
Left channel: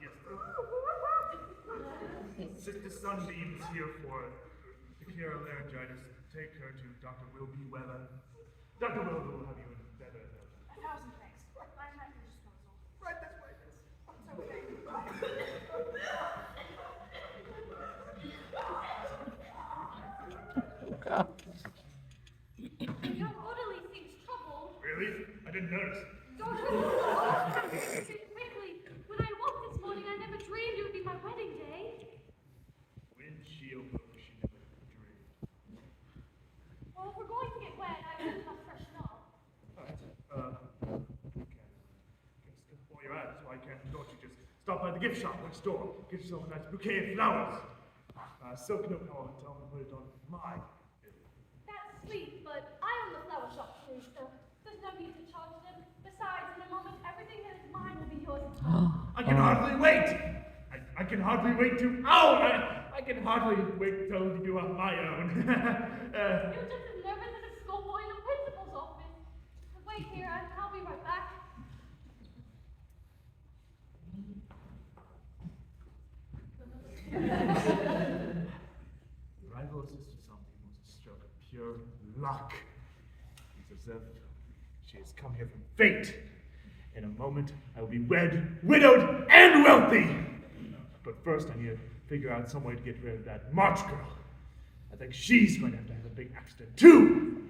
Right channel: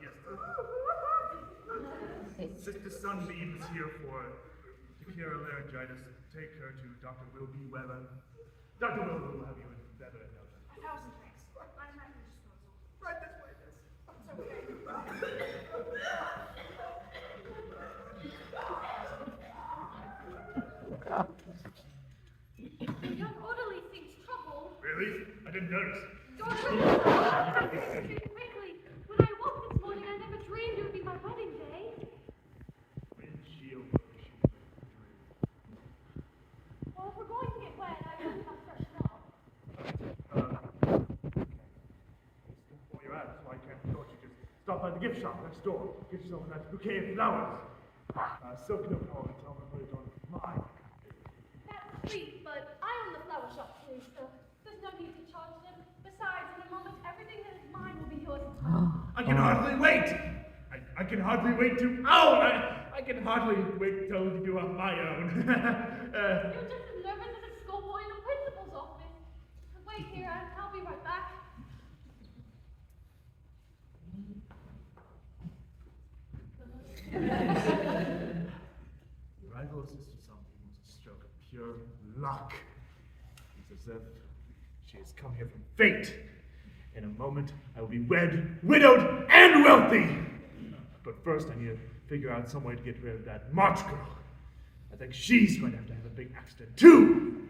Yes. Sister Sunbeam is here to cure laryngitis. Take her to Dr. Wilby Weber. Dr. Wilby will have you in better in no time. 1,000 thanks. I'm at your disposal. Right this way, miss. It's okay. The young orderly seems troubled. Really? I didn't notice. Speak quickly. When I woke this morning, I never dreamed it would be my wedding day. Windshield lotion dream. Well, if we're going to get wet, I really must first know. While you're at it, why can't don't you just stop by the gift shop next door? Get yourself a nice bouquet of flowers. Silk no color and tell them to put it on mine. That's sweet, but I own the flower shop too, so there's no need to charge them. Besides, in a moment, everything that is mine will be yours as well. I can hardly wait. I can hardly wait to. Oh! I can hardly wait till you are my own. You're just as nervous as a schoolboy in the principal's office. Wait here, I'll be right back. The arrival of Sister Sunbeam was a stroke of pure luck. It's as if she has come here from fate. In a moment, I will be wed, widowed, and wealthy. But first, I need to figure out some way to get rid of that March girl. I think she's going to have a big accident too.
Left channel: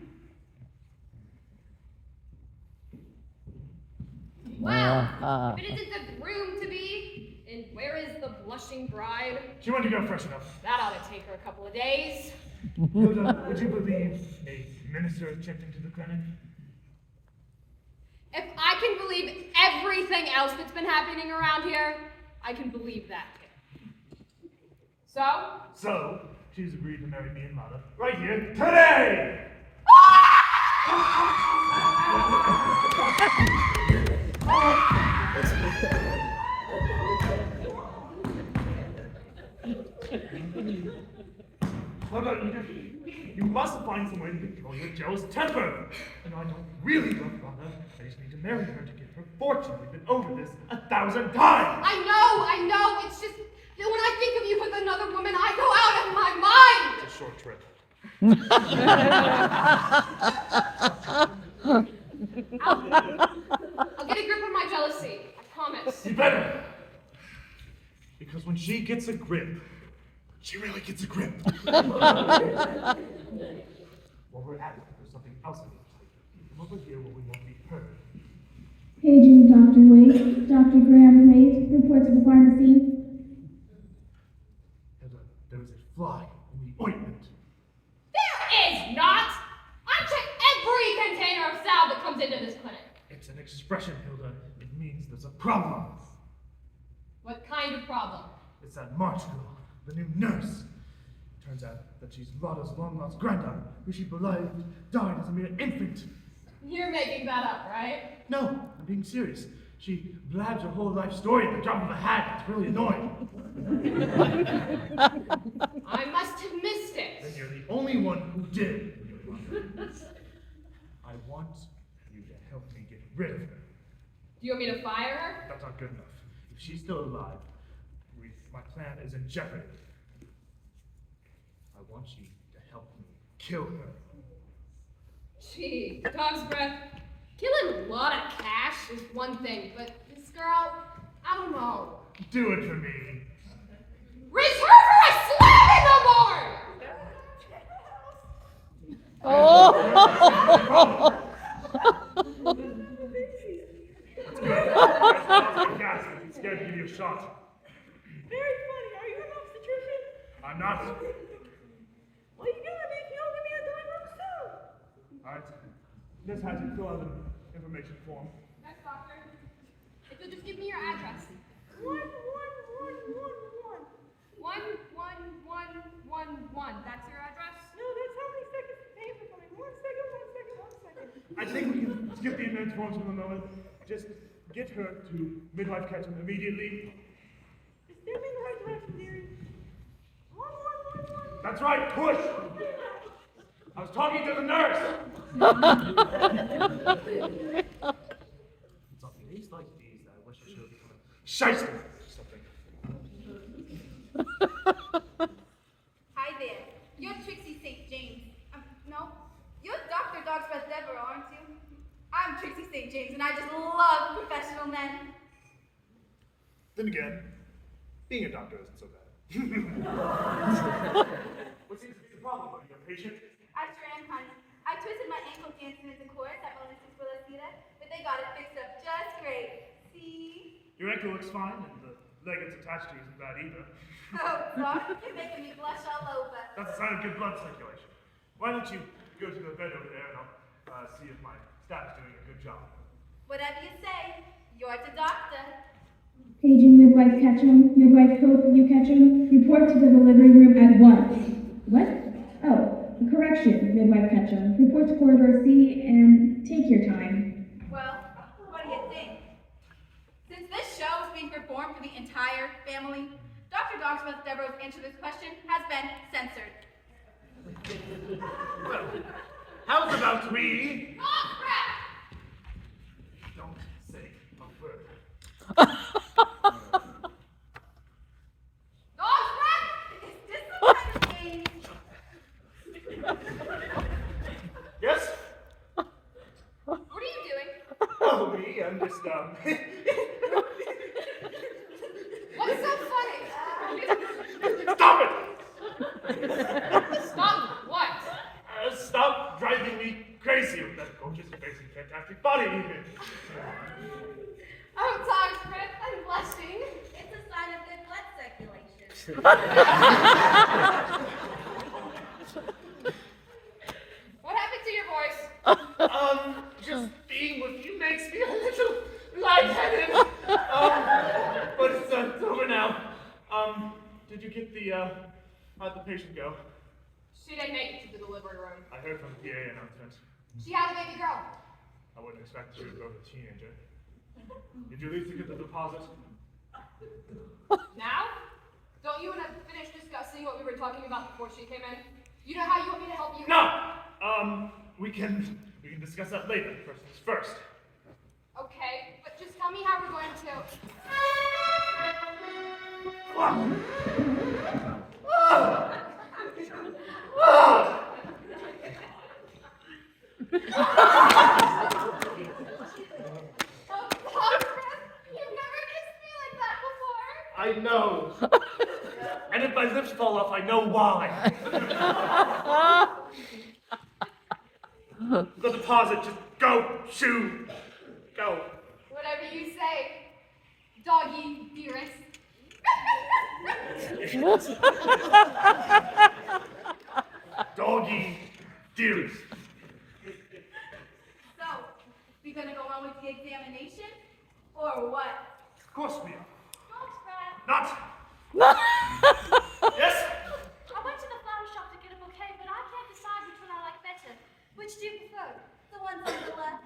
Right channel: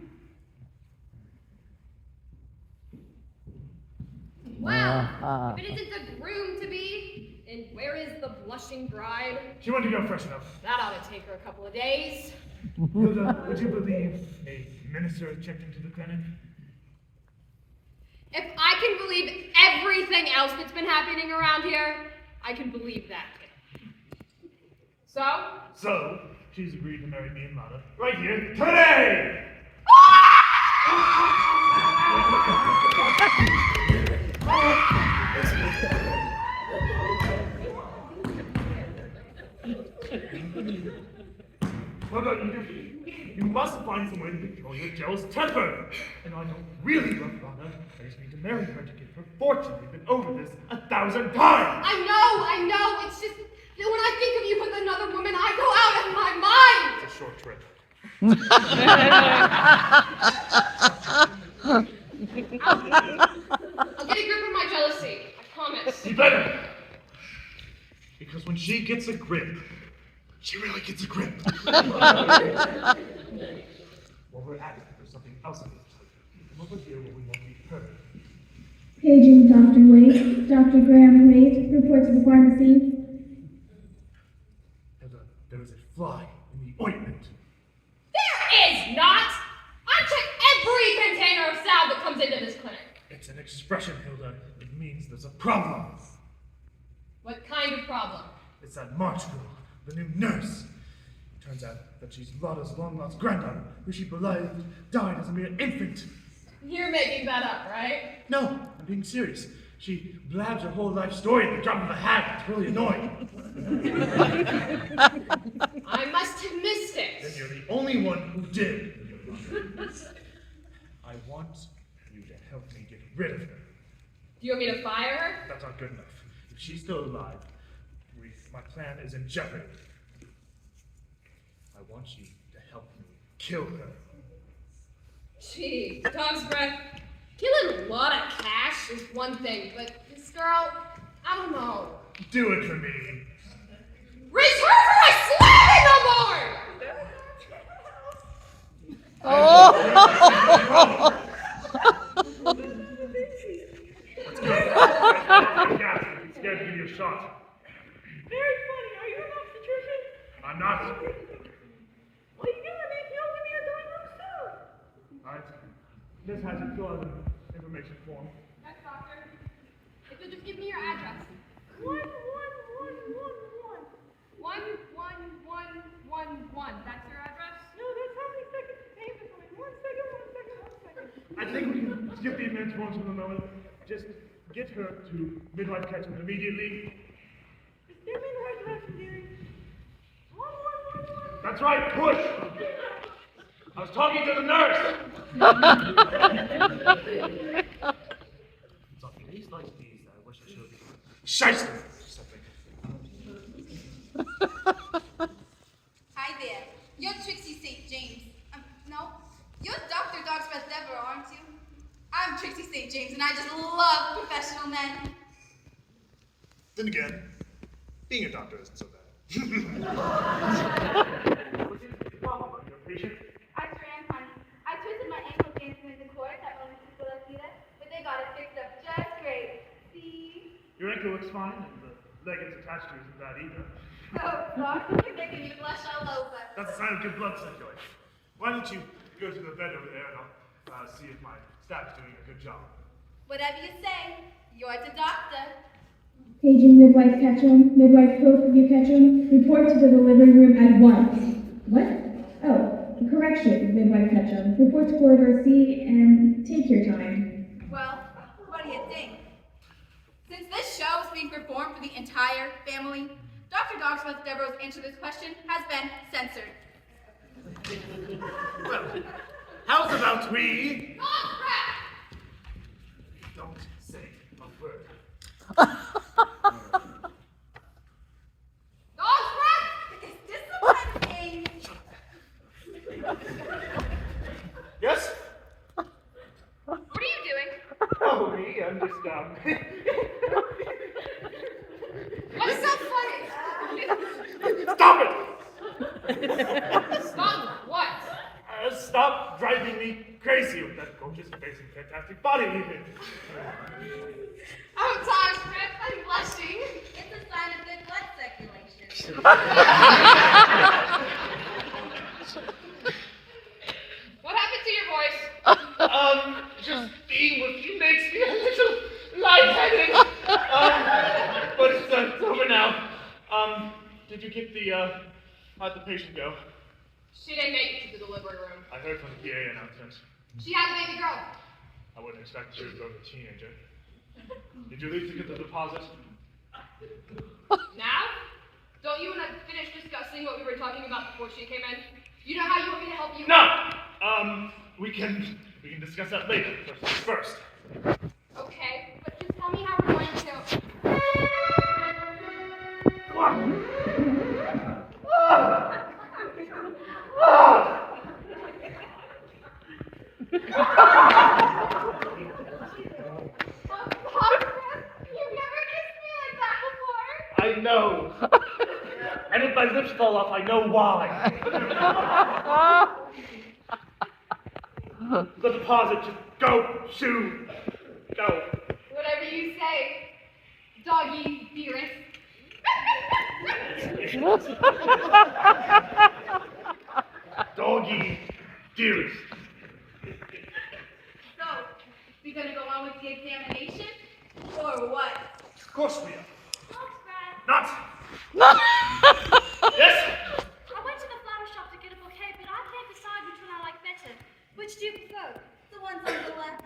Well, if it isn't the groom to be, and where is the blushing bride? She went to go fresh enough. That ought to take her a couple of days. Hilda, would you believe a minister checked into the clinic? If I can believe everything else that's been happening around here, I can believe that. So? So, she's agreed to marry me and Lana right here today! Hilda, you must find some way to control your jealous temper. And I don't really love Lana. I just need to marry her to get her fortune. We've been over this 1,000 times. I know. It's just that when I think of you with another woman, I go out of my mind. It's a short trip. I'll get a grip of my jealousy. I promise. You better. Because when she gets a grip, she really gets a grip. While we're at it, there's something else I need to tell you. Come over here where we won't be heard. Paging Dr. Wade, Dr. Graham Wade, report to the pharmacy. Hilda, there is a fly in the ointment. There is not! I check every container of salve that comes into this clinic. It's an expression, Hilda. It means there's a problem. What kind of problem? It's that March girl, the new nurse. Turns out that she's Lotta's long-lost granddaughter, who she believed died as a mere infant. You're making that up, right? No, I'm being serious. She blabs her whole life story at the drop of a hat. It's really annoying. I must have missed it. Then you're the only one who did. I want you to help me get rid of her. Do you want me to fire her? That's not good enough. If she's still alive, my plan is in jeopardy. I want you to help me kill her. Gee, Dogsbreath, killing a lot of cash is one thing, but this girl, I don't know. Do it for me. Reach her for a slap in the board! Oh! Let's go. I'm scared to give you a shot. Very funny. Are you an obstetrician? I'm not. Well, you gotta make me open me a dining soon. Alright. This has it fill out an information form. Yes, doctor. If you'll just give me your address. 11111. That's your address? No, that's how many seconds it takes for me. 1 second. I think we can skip the immense forms for the moment. Just get her to midwife Ketchum immediately. Is there in the right direction, dearie? 11111. That's right, push! I was talking to the nurse! It's on days like these that I wish I should have Scheisse! Something. Hi there. You're Trixie St. James. No, you're Dr. Dogsbreath Deveraux, aren't you? I'm Trixie St. James, and I just love professional men. Then again, being a doctor isn't so bad. What's the problem? Are you a patient? I sure am, honey. I twisted my ankle dancing into chorus at Monica's Velocita, but they got it fixed up just great. See? Your ankle looks fine, and the leg it's attached to isn't bad either. Oh, God, you're making me blush all over. That's a sign of good blood circulation. Why don't you go to the bed over there and I'll see if my staff is doing a good job. Whatever you say, you're the doctor. Paging midwife Ketchum, midwife Pope U. Ketchum, report to the delivery room at once. What? Oh, correction, midwife Ketchum. Report to corridor C and take your time. Well, what do you think? Since this show is being performed for the entire family, Dr. Dogsbreath Deveraux' answer to this question has been censored. Well, how's about we? Don't say a word. Dogsbreath! Is this the kind of thing? Yes? What are you doing? Oh, me, I'm just, What's so funny? Stop it! Stop what? Stop driving me crazy with that gorgeous face and fantastic body even. Oh, Dogsbreath, I'm blushing. It's a sign of good blood circulation. What happened to your voice? Just being with you makes me a little lightheaded. But it's over now. Did you get how'd the patient go? She didn't make it to the delivery room. I heard from the PA announcement. She had a baby girl. I wouldn't expect you to go with a teenager. Did you at least get the deposit? Now? Don't you want to finish discussing what we were talking about before she came in? You know how you want me to help you? No! We can discuss that later. First. Okay, but just tell me how we're going to. You've never kissed me like that before. I know. And if my lips fall off, I know why. The deposit, just go, shoo, go. Whatever you say, doggy dearest. Doggy, dearest. So, we gonna go on with the examination? Or what? Of course we are. Dogsbreath. Not. Yes? I went to the flower shop to get a bouquet, but I can't decide which one I like better. Which do you prefer? The ones on the left.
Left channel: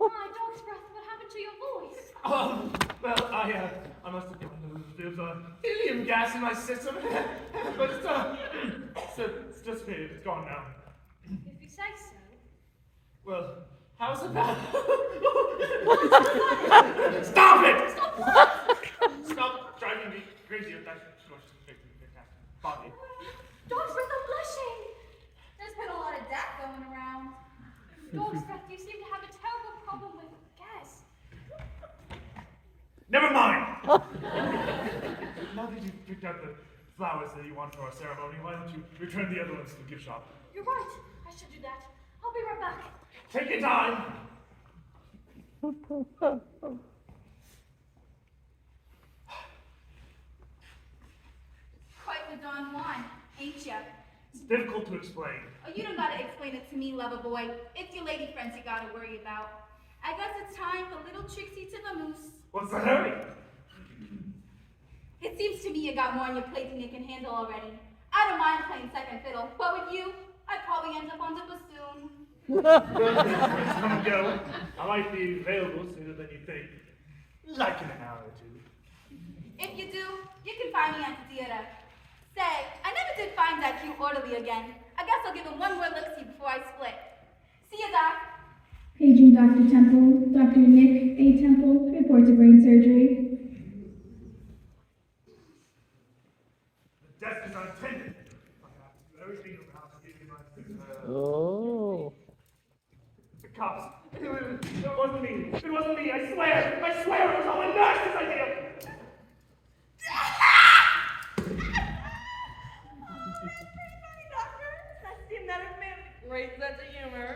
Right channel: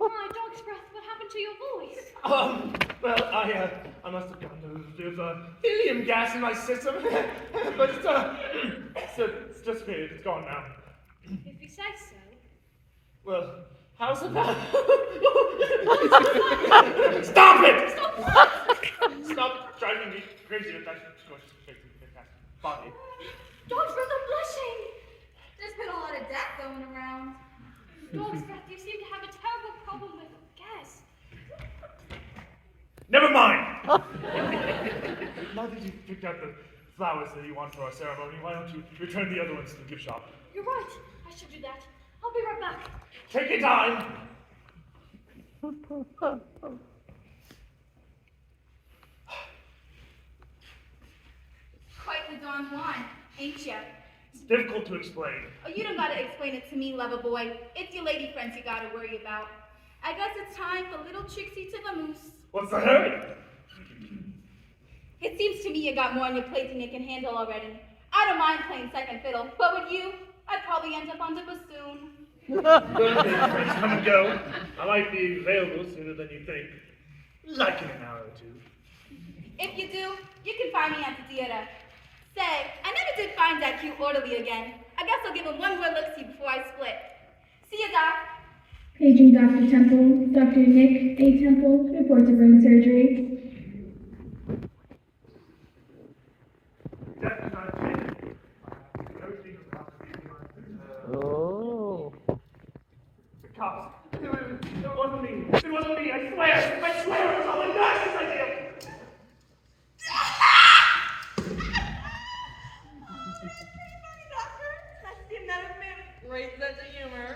My Dogsbreath, what happened to your voice? Well, I must have gotten a little bit of helium gas in my system. But it's dissipated. It's gone now. If you say so. Well, how's it now? Stop it! Stop driving me crazy with that body. Dogsbreath, I'm blushing! There's been a lot of that going around. Dogsbreath, you seem to have a terrible problem with gas. Never mind! Now that you've picked out the flowers that you want for our ceremony, why don't you return the other ones to the gift shop? You're right. I should do that. I'll be right back. Take your time! Quite the Don Juan, ain't ya? It's difficult to explain. Oh, you don't gotta explain it to me, lover boy. It's your lady friends you gotta worry about. I guess it's time for little Trixie to vamoose. What's the hurry? It seems to me you got more on your plate than you can handle already. I don't mind playing second fiddle, but with you, I'd probably end up on the bassoon. Come and go. I might be available sooner than you think. Like in an hour or two. If you do, you can find me at the theater. Say, I never did find that cute orderly again. I guess I'll give him one more look-see before I split. See ya, Doc. Paging Dr. Temple, Dr. Nick A. Temple, reports of brain surgery. Death is unattended. Everything about Oh. the cops. It wasn't me. It wasn't me. I swear it was all my nurse's idea. Great sense of humor.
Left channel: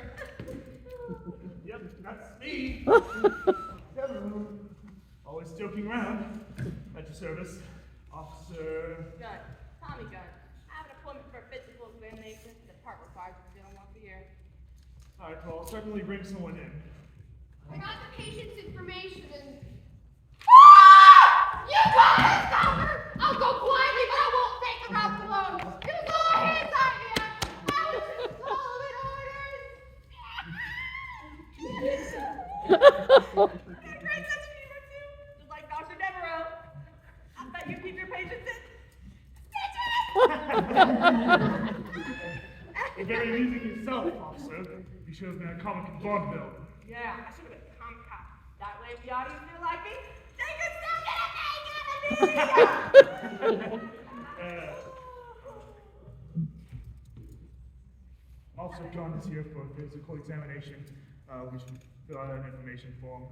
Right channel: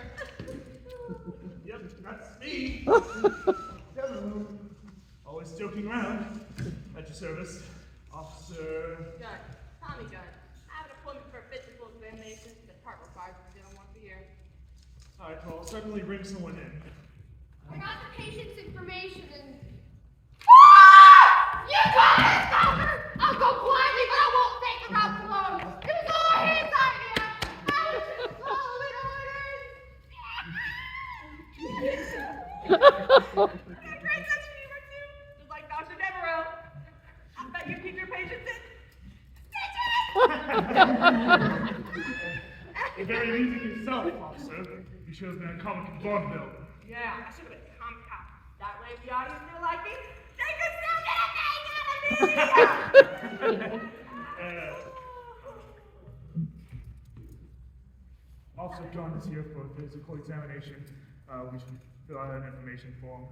Yep, that's me. Deveraux. Always joking around. At your service, Officer. Gun. Tommy Gun. I have an appointment for a physical examination. The department requires me to do it once a year. All right, well, I'll certainly bring someone in. I got the patient's information and. You got it, Doctor! I'll go quietly, but I won't take the route alone. It was all his idea. I was just following orders. Great sense of humor too. Just like Dr. Deveraux. I bet you keep your patients You're very amusing yourself, officer. You should have been a comic in vaudeville. Yeah, I should have been comic cop. That way, if the audience feel like it, they could still get a thing out of me. Officer Gunn is here for a physical examination. We should fill out an information form.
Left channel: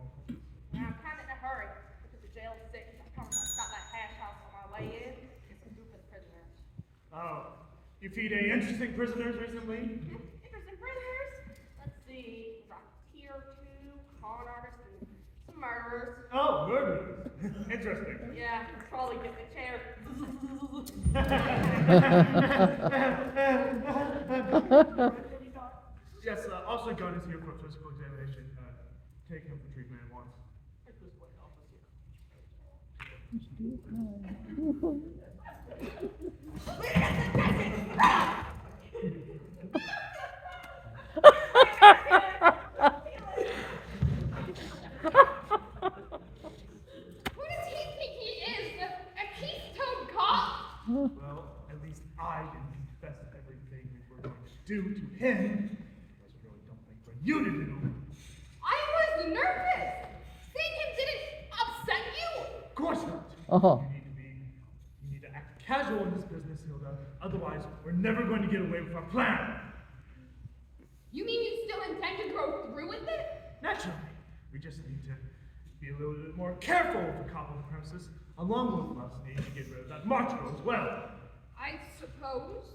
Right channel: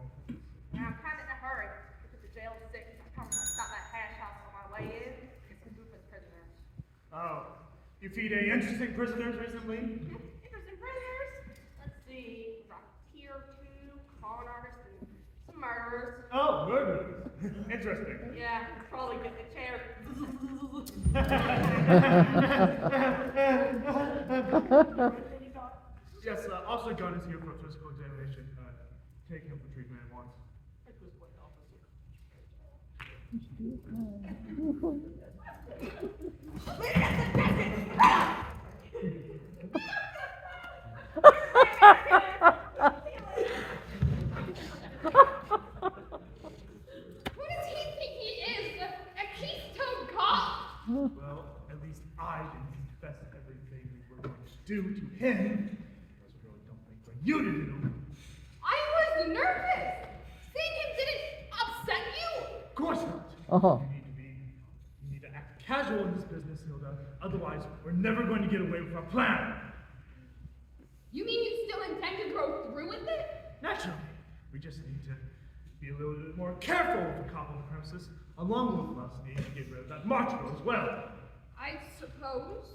Yeah, I'm kind of in a hurry because the jail is sick. I'm trying to stop that hash house on my way in. It's a group of prisoners. Oh, you feed any interesting prisoners recently? Interesting prisoners. Let's see. Rocketeer, 2, con artists, and some murderers. Oh, murderers. Interesting. Yeah, probably get the chair. Yes, Officer Gunn is here for a physical examination. Take him for treatment at once. Who does he think he is? A Keystone Cop? Well, at least I didn't confess everything we were going to do to him. That's a really dumb thing for you to do. I was nervous. Seeing him didn't upset you. Of course not. Uh-huh. You need to act casual in this business, Hilda. Otherwise, we're never going to get away with our plan. You mean you still intend to go through with it? Naturally. We just need to be a little bit more careful with the cop on the premises, along with us needing to get rid of that marshal as well. I suppose.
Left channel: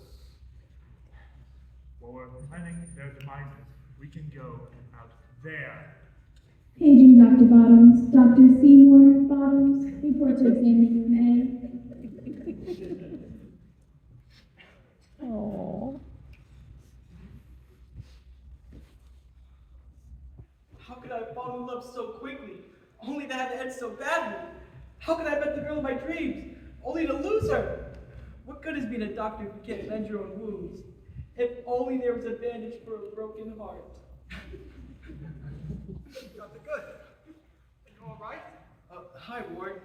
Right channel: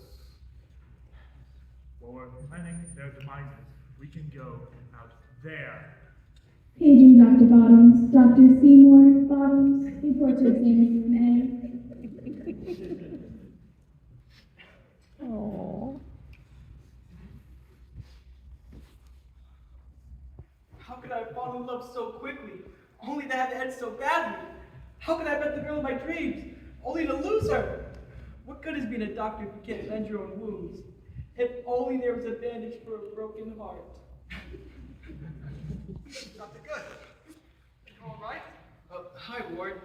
While we're planning their demises, we can go out there. Paging Dr. Bottoms, Dr. Seymour Bottoms, report to examiner from A. Aww. How could I have fallen in love so quickly, only to have it end so badly? How could I have met the girl of my dreams, only to lose her? What good is being a doctor if you can't mend your own wounds? If only there was a bandage for a broken heart. Dr. Good. You all right? Hi, Ward.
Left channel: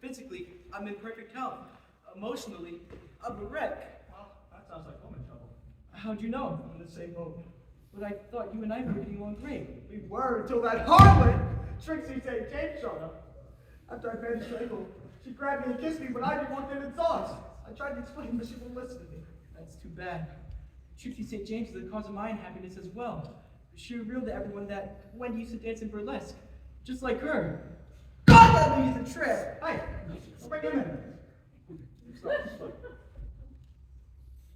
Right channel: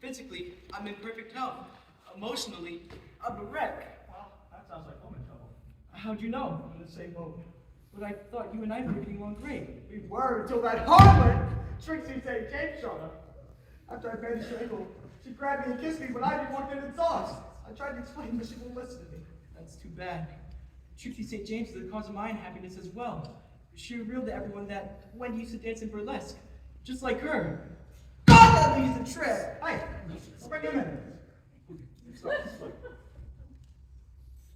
Physically, I'm in perfect health. Emotionally, I'm a wreck. Well, that sounds like woman trouble. How'd you know? I'm in the same boat. But I thought you and I were getting along great. We were until that harlot, Trixie St. James, showed up. After I bandaged her ankle, she grabbed me and kissed me, but I didn't want that exhaust. I tried to explain, but she wouldn't listen to me. That's too bad. Trixie St. James is the cause of my unhappiness as well. She revealed to everyone that Wendy used to dance in burlesque, just like her. God, that lady's a trip! Hey, I'll bring him in.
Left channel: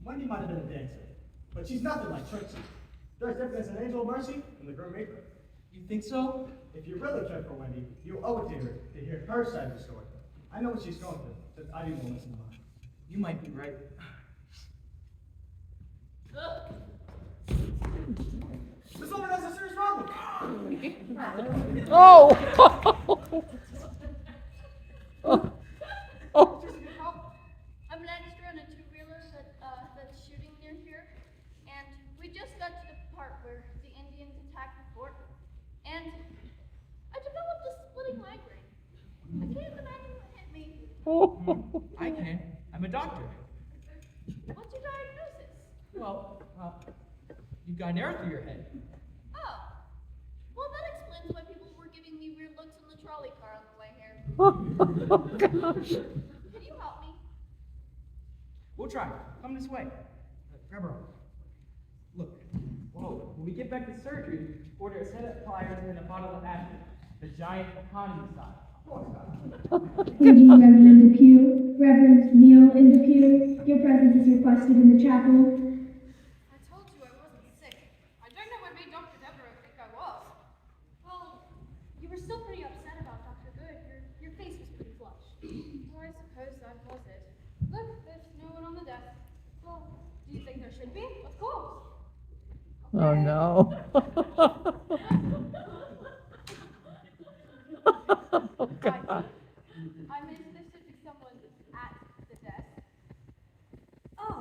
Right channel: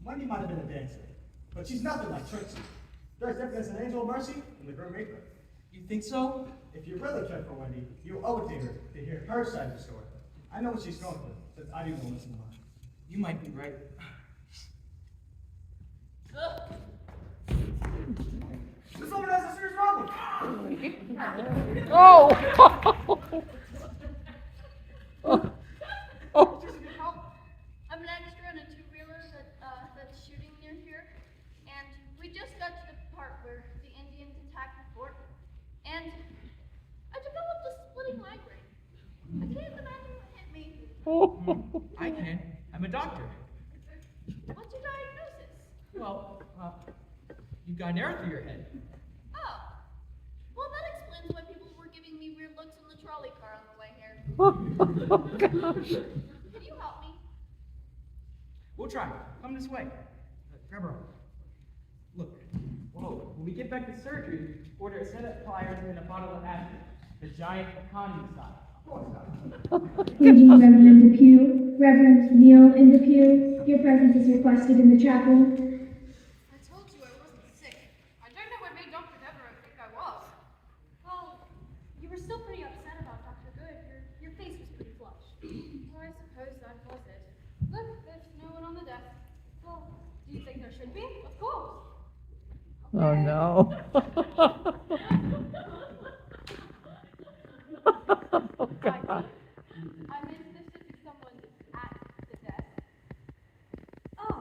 Wendy might have been a dancer, but she's nothing like Trixie. There's difference an angel of mercy and the grim reaper. You think so? If you really care for Wendy, you owe it to her to hear her side of the story. I know what she's going through, since I didn't want to listen to mine. You might be right. This woman has a serious problem. Oh! I'm an extra in a two-wheeler that's shooting near here, and we just got to the part where the Indians attacked the fort, and I developed a splitting migraine. I can't imagine what hit me. I can. I'm a doctor. What's your diagnosis? Well, you've got an arrow through your head. Oh, well that explains why people were giving me weird looks in the trolley car on the way here. Can you help me? We'll try. Come this way. Grab her arm. Look. Whoa. When we get back to surgery, order a set of pliers and a bottle of acid. The giant economy style. Paging Reverend Depew, Reverend Neil in Depew, your presence is requested in the chapel. I told you I wasn't sick. I don't know what made Dr. Deveraux think I was. Well, you were still pretty upset about Dr. Good. Your face was pretty flushed. Well, I suppose that was it. Look, there's no one on the desk. Well, do you think there should be? Of course. Oh no. Oh, God. I'm interested in someone at the desk. Oh,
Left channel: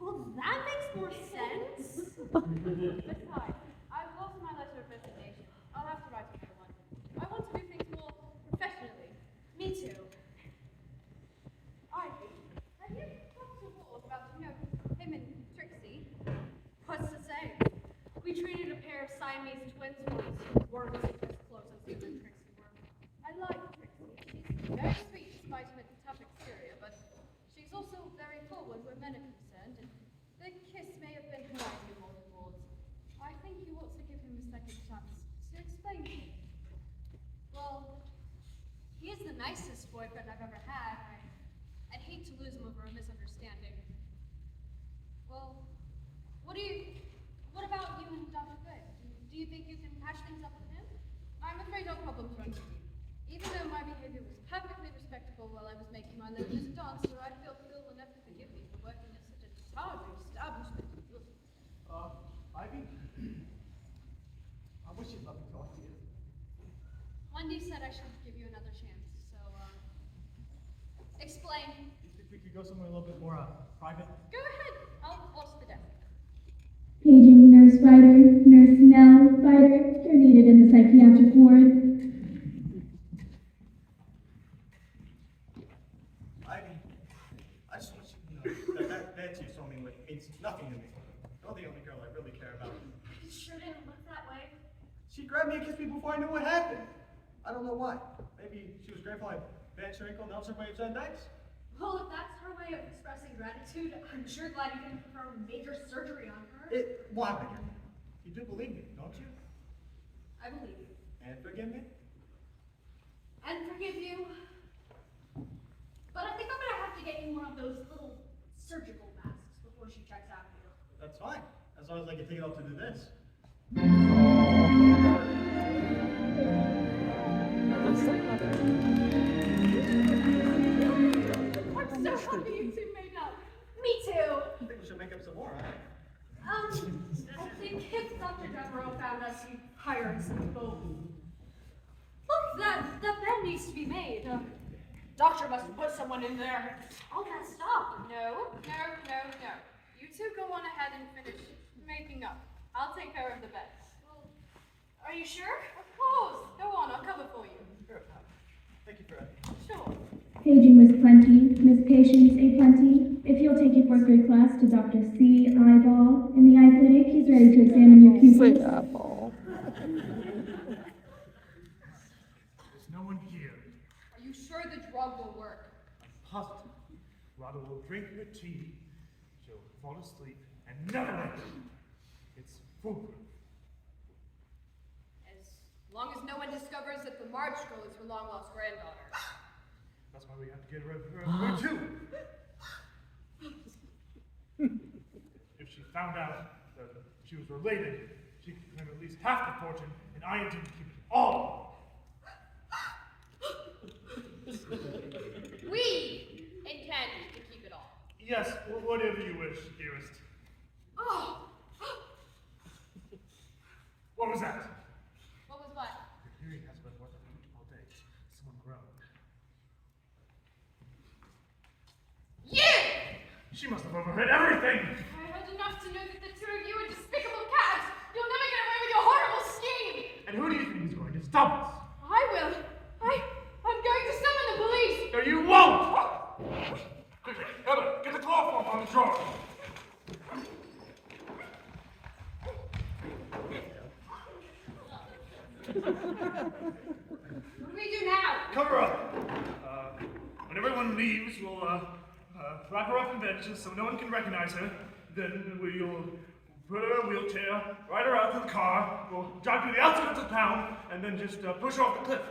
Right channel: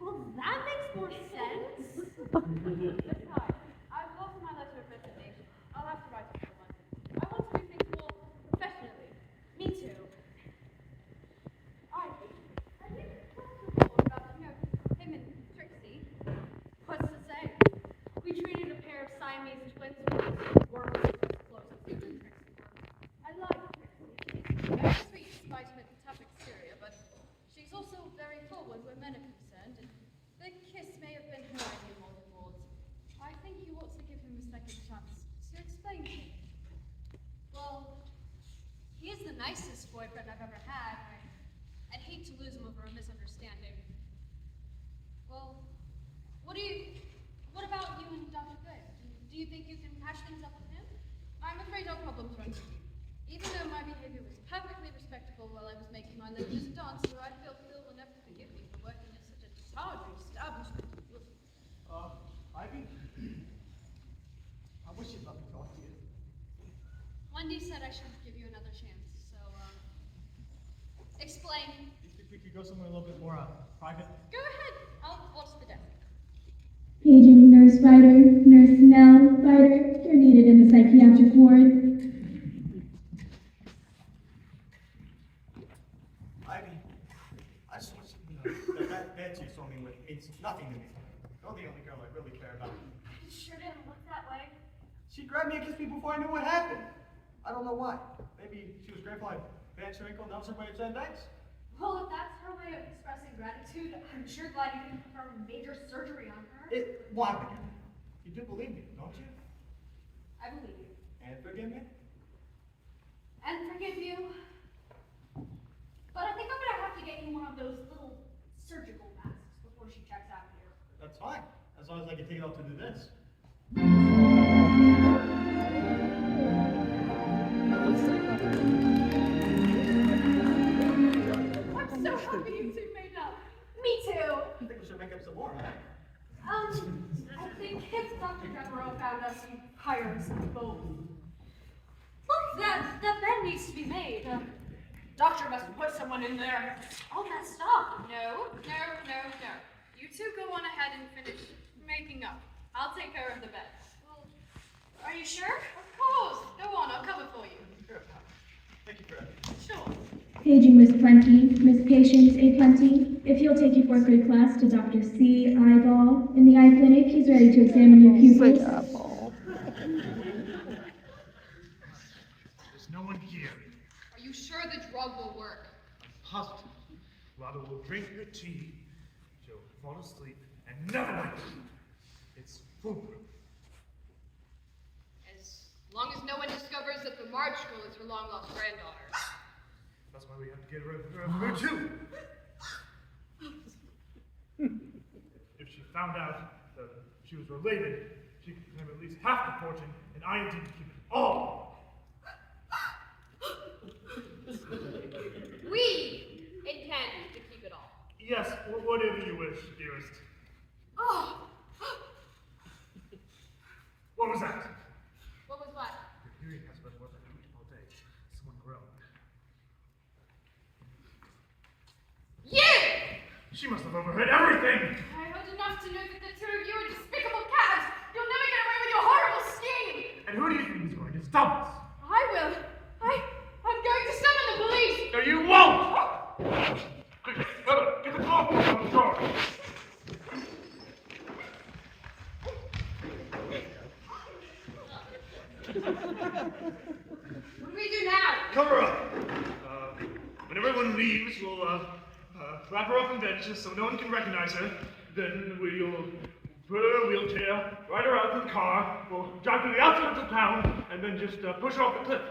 well that makes more sense. It's hard. I've lost my letter of resignation. I'll have to write to someone. I want to do things more professionally. Me too. Ivy, have you talked to Paul about, him and Trixie? What's to say? We treated a pair of Siamese twins who were as close as him and Trixie were. I like Trixie. Very sweet, despite her tough exterior, but she's also very forward where men are concerned, and the kiss may have been her idea more than Maud's. I think you ought to give him a second chance to explain things. Well, he is the nicest boyfriend I've ever had. I'd hate to lose him over a misunderstanding. Well, what about you and Dr. Good? Do you think you can patch things up with him? I'm afraid our problems run deep. Even though my behavior was perfectly respectable while I was making my living as a dancer, I feel Phil will never forgive me for working at such a tawdry establishment. Ugh. Ivy? I wish you'd let me talk to you. Wendy said I should give you another chance, so, explain. Do you think we could go somewhere a little bit more private? Go ahead. I'll watch the desk. Paging Nurse Ryder, Nurse Nell Ryder, you're needed in the psychiatric ward. Ivy, I just want you to know that you saw me with means nothing to me. You're the only girl I really care about. It sure didn't look that way. She grabbed me and kissed me before I knew what happened. I don't know why. Maybe she was grateful I bandaged her ankle and helped somebody said thanks. Well, if that's her way of expressing gratitude, I'm sure glad you didn't perform major surgery on her. It will happen. You do believe me, don't you? I believe you. And forgive me? And forgive you. But I think I'm gonna have to get you one of those little surgical masks before she checks out here. That's fine. As long as I can take it off to do this. I'm so happy you two made up. Me too. I think we should make up some more, right? I think if Dr. Deveraux found us, he'd hire us both. Look, that bed needs to be made. Doctor must have put someone in there. All messed up. No. You two go on ahead and finish making up. I'll take care of the bed. Are you sure? Of course. Go on, I'll cover for you. Sure. Thank you for that. Sure. Paging Miss Plenty, Miss Patience A. Plenty. If you'll take your fourth grade class to Dr. C. Eyeball in the eye clinic, he's ready to examine your pupils. There's no one here. Are you sure the drug will work? I'm positive. Lotto will drink her tea, she'll fall asleep, and never wake. It's foolproof. As long as no one discovers that the March girl is her long-lost granddaughter. That's why we have to get rid of her too. If she found out that she was related, she could have at least half the fortune, and I intend to keep it all. We intend to keep it all. Yes, whatever you wish, dearest. Oh! What was that? What was what? The hearing has been what I teach all day. Someone groaned. You! She must have overheard everything! I heard enough to know that the two of you are despicable cowards. You'll never get away with your horrible scheme. And who do you think is going to stop us? I will. I'm going to summon the police. No, you won't! Quickly, Heather, get the chloroform on the drawer. What do we do now? Cover up. When everyone leaves, we'll wrap her up in bandages so no one can recognize her. Then we'll put her in a wheelchair, ride her out to the car, we'll drive to the outskirts of town, and then just push her off the cliff.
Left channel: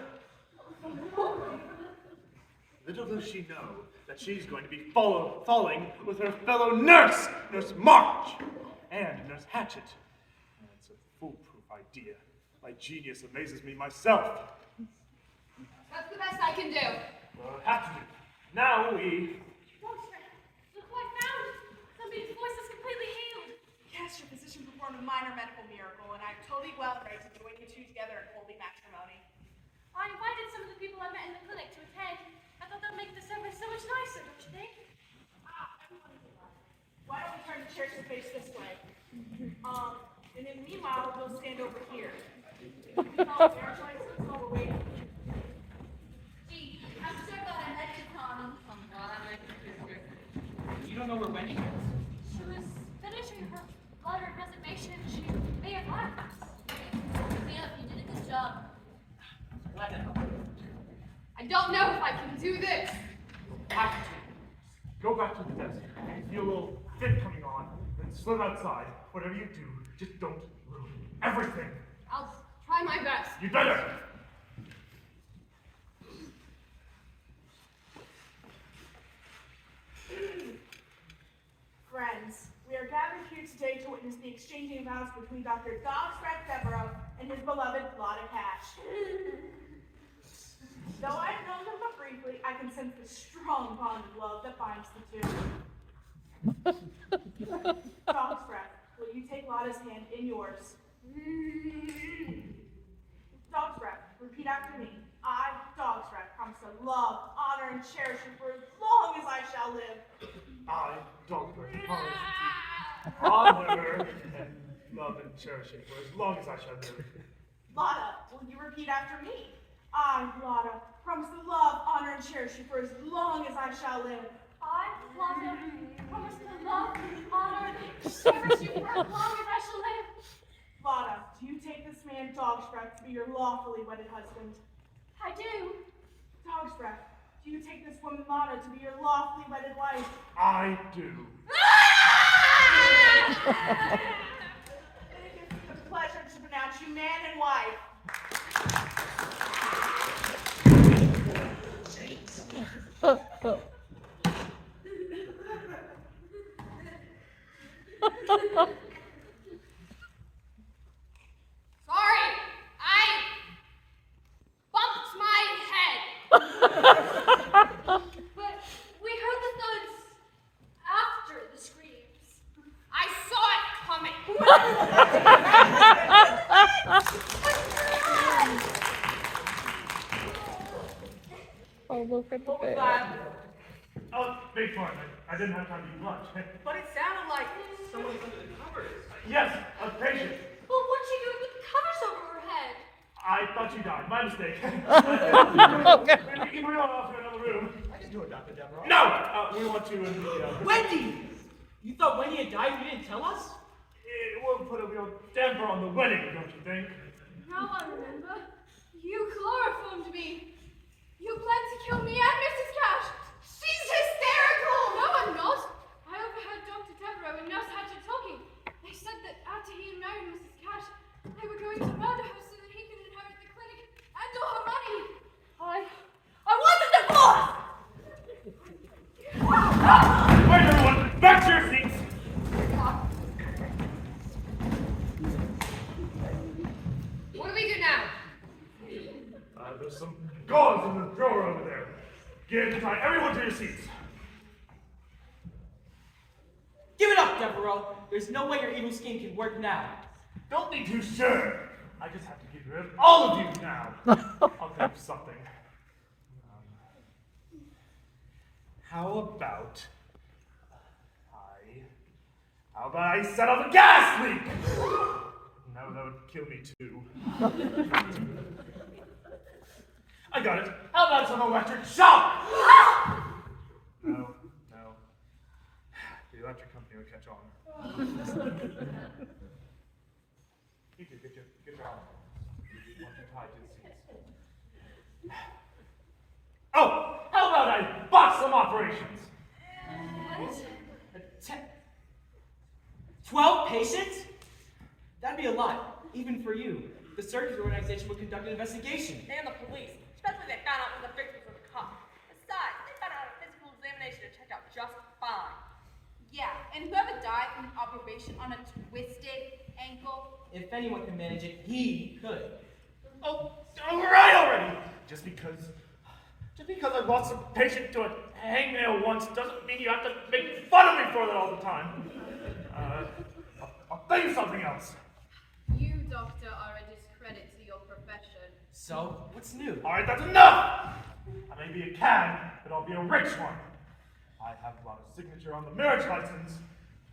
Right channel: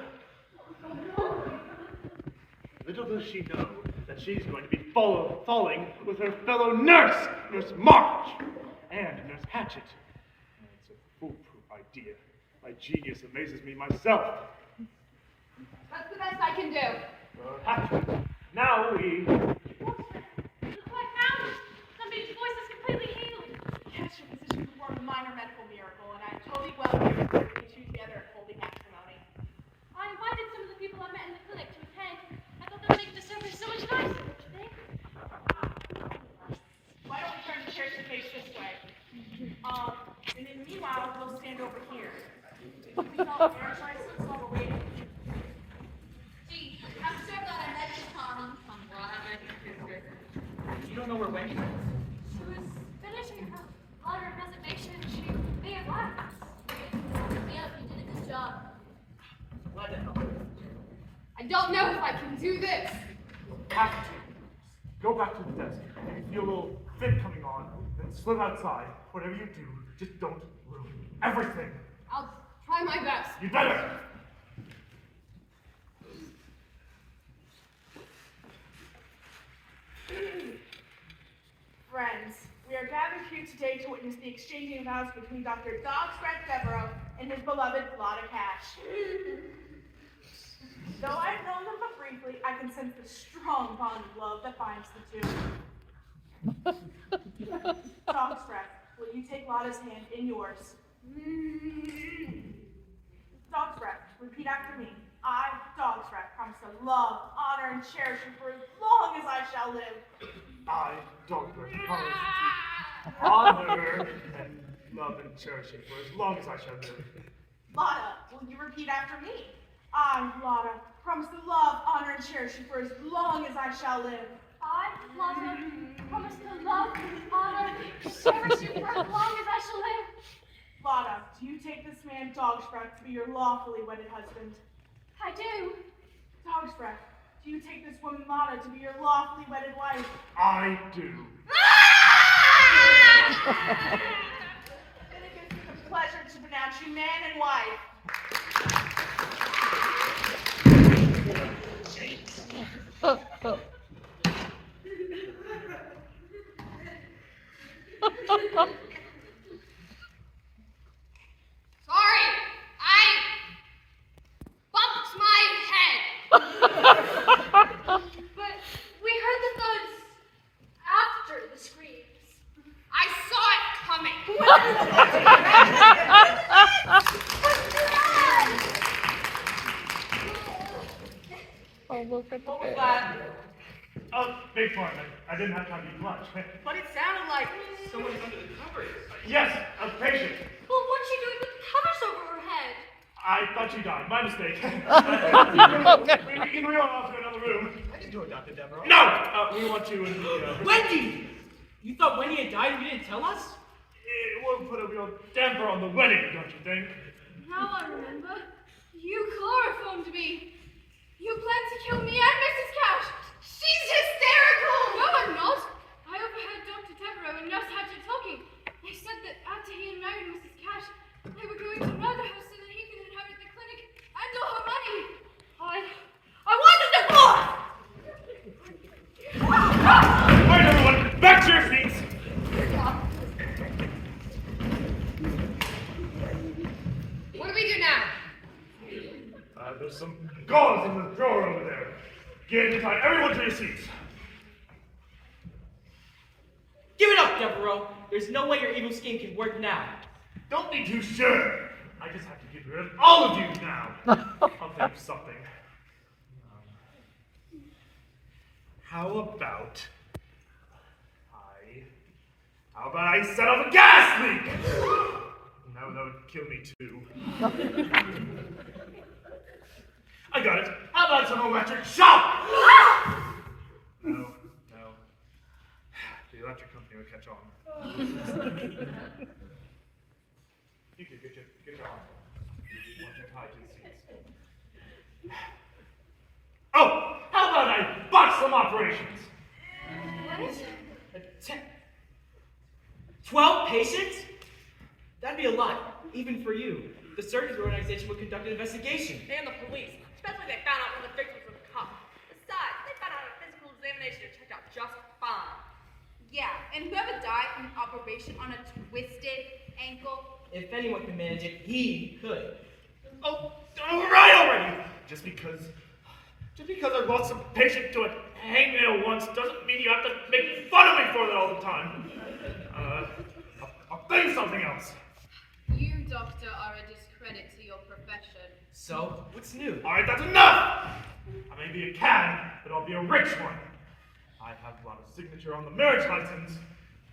Little does she know that she's going to be falling with her fellow nurse, Nurse March, and Nurse Hatchet. It's a foolproof idea. My genius amazes me myself. That's the best I can do. Well, Hatchet, now we... Look, I found it. Somebody's voice is completely healed. Yes, your physician performed a minor medical miracle, and I'm totally well pleased to bring you two together in holy matrimony. I invited some of the people I met in the clinic to attend. I thought that would make the service so much nicer, don't you think? Why don't we turn the chairs to face this way? And then meanwhile, we'll stand over here. Marriage license while we're waiting. Gee, I'm so glad I met you, Tommy. I'm glad I met you too. You don't know where Wendy is? She was finishing her letter of resignation. She may have left us. Yeah, you did a good job. Glad to help. I don't know if I can do this. Hatchet, go back to the desk. If you feel a little fit coming on, then slip outside. Whatever you do, just don't ruin everything. I'll try my best. You better! Friends, we are gathered here today to witness the exchanging of vows between Dr. Dogsbreath Deveraux and his beloved Lotta Cash. Though I've known them but briefly, I can sense the strong bond of love that binds the two. Dogsbreath, will you take Lotta's hand in yours? Dogsbreath, repeat after me. I, Dogsbreath, promise to love, honor, and cherish you for as long as I shall live. I, Dogsbreath, promise to honor and love and cherish you for as long as I shall live. Lotta, will you repeat after me? I, Lotta, promise to love, honor, and cherish you for as long as I shall live. I, Lotta, promise to love, honor, and cherish you for as long as I shall live. Lotta, do you take this man Dogsbreath to be your lawfully wedded husband? I do. Dogsbreath, do you take this woman Lotta to be your lawfully wedded wife? I do. And it gives me the pleasure to pronounce you man and wife. Sorry, I bumped my head. But we heard the thuds after the screams. I saw it coming. Oh, look at the What was bed. that? Oh, big pardon. I didn't have time to eat lunch. But it sounded like Someone under the covers. Yes, a patient. Well, what's she doing with the covers over her head? I thought she died. My mistake. We went off to another room. I can do it, Dr. Deveraux. No! We want to in the... Wendy! You thought Wendy had died and you didn't tell us? It will put a real damper on the wedding, don't you think? Now I remember. You chloroformed me. You planned to kill me and Mrs. Cash. She's hysterical. No, I'm not. I overheard Dr. Deveraux and Nurse Hatcher talking. They said that after he had married Mrs. Cash, they were going to murder her so that he could inherit the clinic and all her money. I wanted divorce! All right, everyone, back to your seats. What do we do now? There's some gauze in the drawer over there. Get inside. Everyone to your seats. Give it up, Deveraux. There's no way your evil scheme can work now. Don't be too sure. I just have to get rid of all of you now. I'll think of something. How about I set off a gas leak? No, that would kill me too. I got it. How about some electric shock? No. The electric company will catch on. You can get your arm. Watch it hide to the seats. Oh, how about I botch some operations? 12 patients? That'd be a lot, even for you. The surgery organization would conduct an investigation. And the police, especially they found out when the victims were the cops. Besides, they found out a physical examination and checked out just fine. Yeah, and whoever died from an operation on a twisted ankle. If anyone can manage it, he could. Oh, all right already. Just because I lost a patient to a hangnail once doesn't mean you have to make fun of me for that all the time. I'll think of something else. You, doctor, are a discredit to your profession. So, what's new? All right, that's enough. I may be a cad, but I'll be a rich one. I have a lot of signature on the marriage license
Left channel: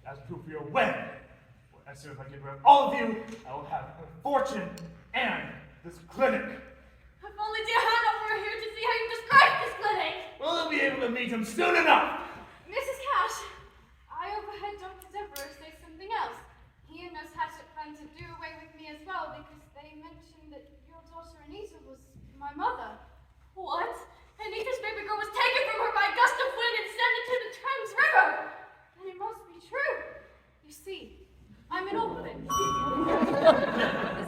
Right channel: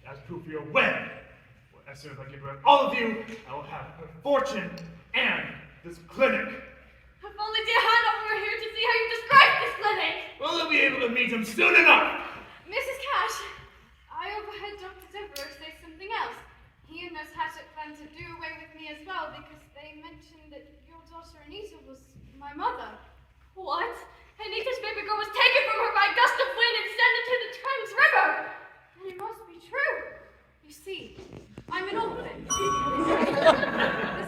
as proof we are wed. Well, as soon as I get rid of all of you, I will have a fortune and this clinic. If only dear Hannah were here to see how you describe this clinic! Well, you'll be able to meet him soon enough. Mrs. Cash, I overheard Dr. Deveraux say something else. He and Nurse Hatchet planned to do away with me as well because they mentioned that your daughter Anita was my mother. What? Anita's baby girl was taken from her by a gust of wind and sent into the Thames River! Then it must be true. You see, I'm an orphan. The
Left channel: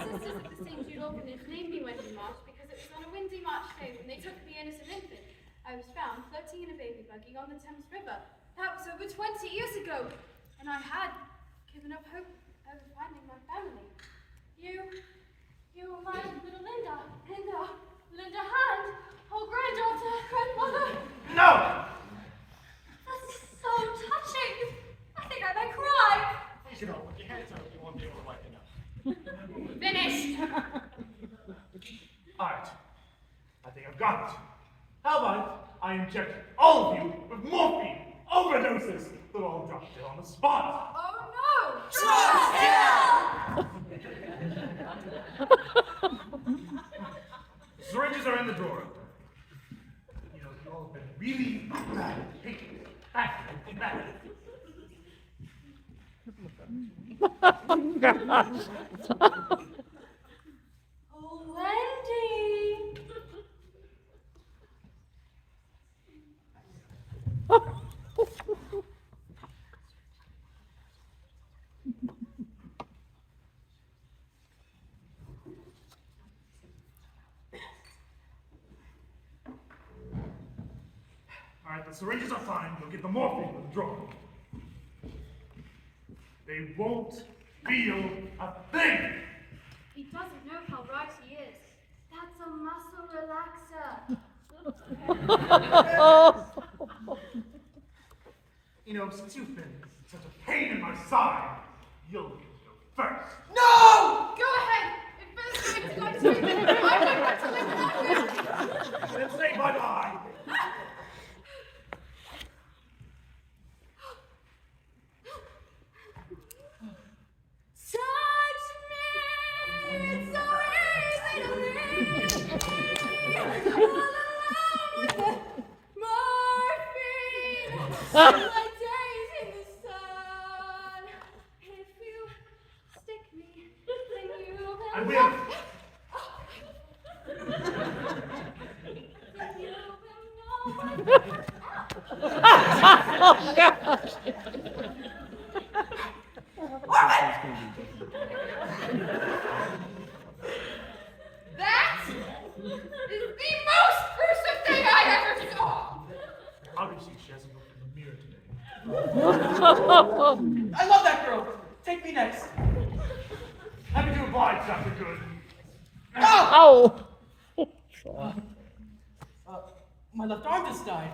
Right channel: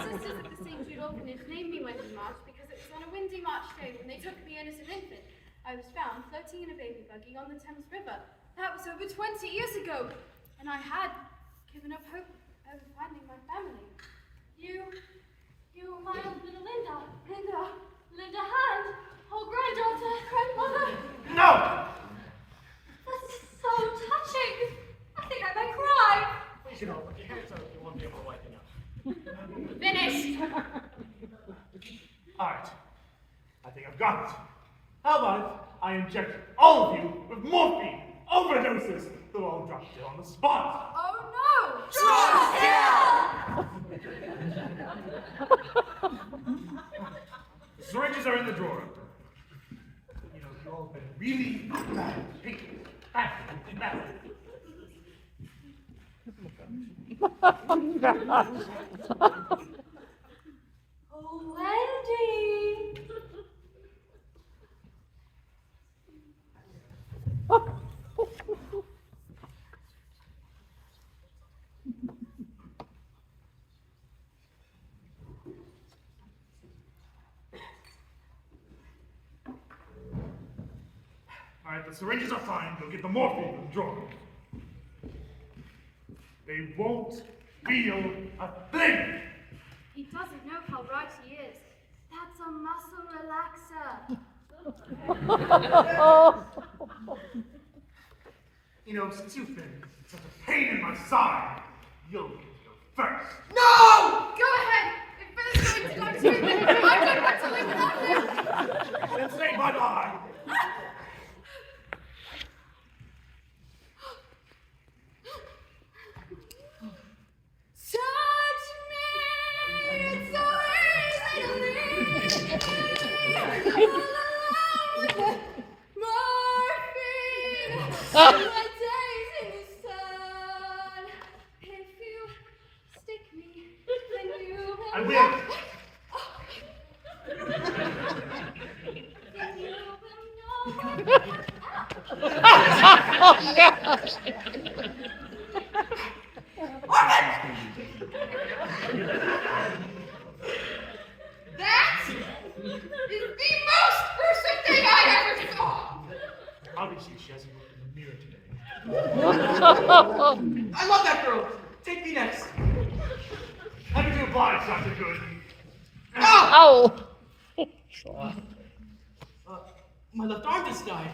sisters of the St. Jude Orphanage named me Wendy Marsh because it was on a windy March day when they took me in as an infant. I was found floating in a baby buggy on the Thames River. That was over 20 years ago, and I had given up hope of finding my family. You were my little Linda Hand, oh granddaughter, grandmother. No! That's so touching. I think I may cry. Get over your hands Alright. I think I've got it. How about I inject all of you with morphine overdoses? They'll all drop dead on the spot. Oh no! Syringes are in the drawer. You know, you all have been really bad. Bad. Oh, Wendy! Alright, the syringes are fine. You'll get the morphine in the drawer. They won't feel a thing! He doesn't know how right he is. That's a muscle relaxer. You know, since you've been such a pain in my side, you'll get to go first. No! Go ahead! If Ben's going to go to you, I'm going to Let's say bye-bye. Touch me, it's so easy to leave. Morphine, my days in the sun. If you stick me, then you will. I will. That is the most gruesome thing I ever saw. Obviously, she hasn't looked in the mirror today. I love that girl. Take me next. Happy to oblige, Dr. Good. Oh! My left arm just died.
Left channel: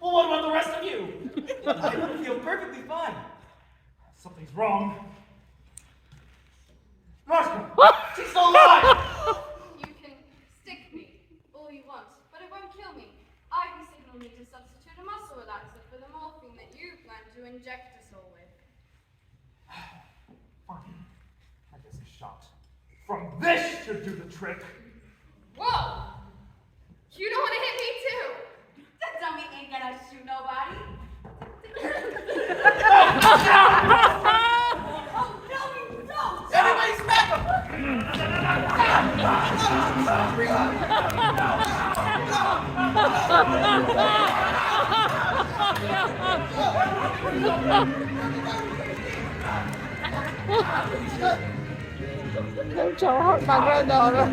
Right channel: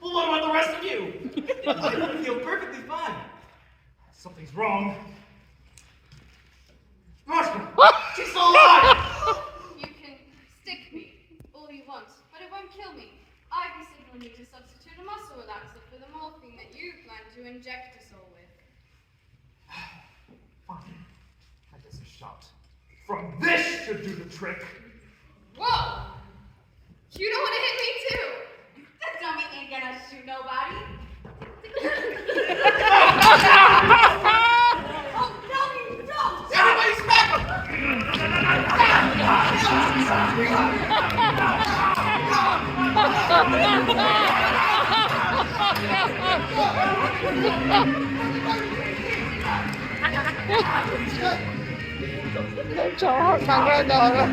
Well, what about the rest of you? I feel perfectly fine. Something's wrong. Roscoe! She's still alive! You can stick me all you want, but it won't kill me. Ivy said you'll need to substitute a muscle relaxer for the morphine that you plan to inject us all with. Fine. I guess a shot from this should do the trick. Whoa! You don't want to hit me too? That dummy ain't gonna shoot nobody. Oh, no, you don't! Everybody smack him! Cho họ càng nghe đời rồi.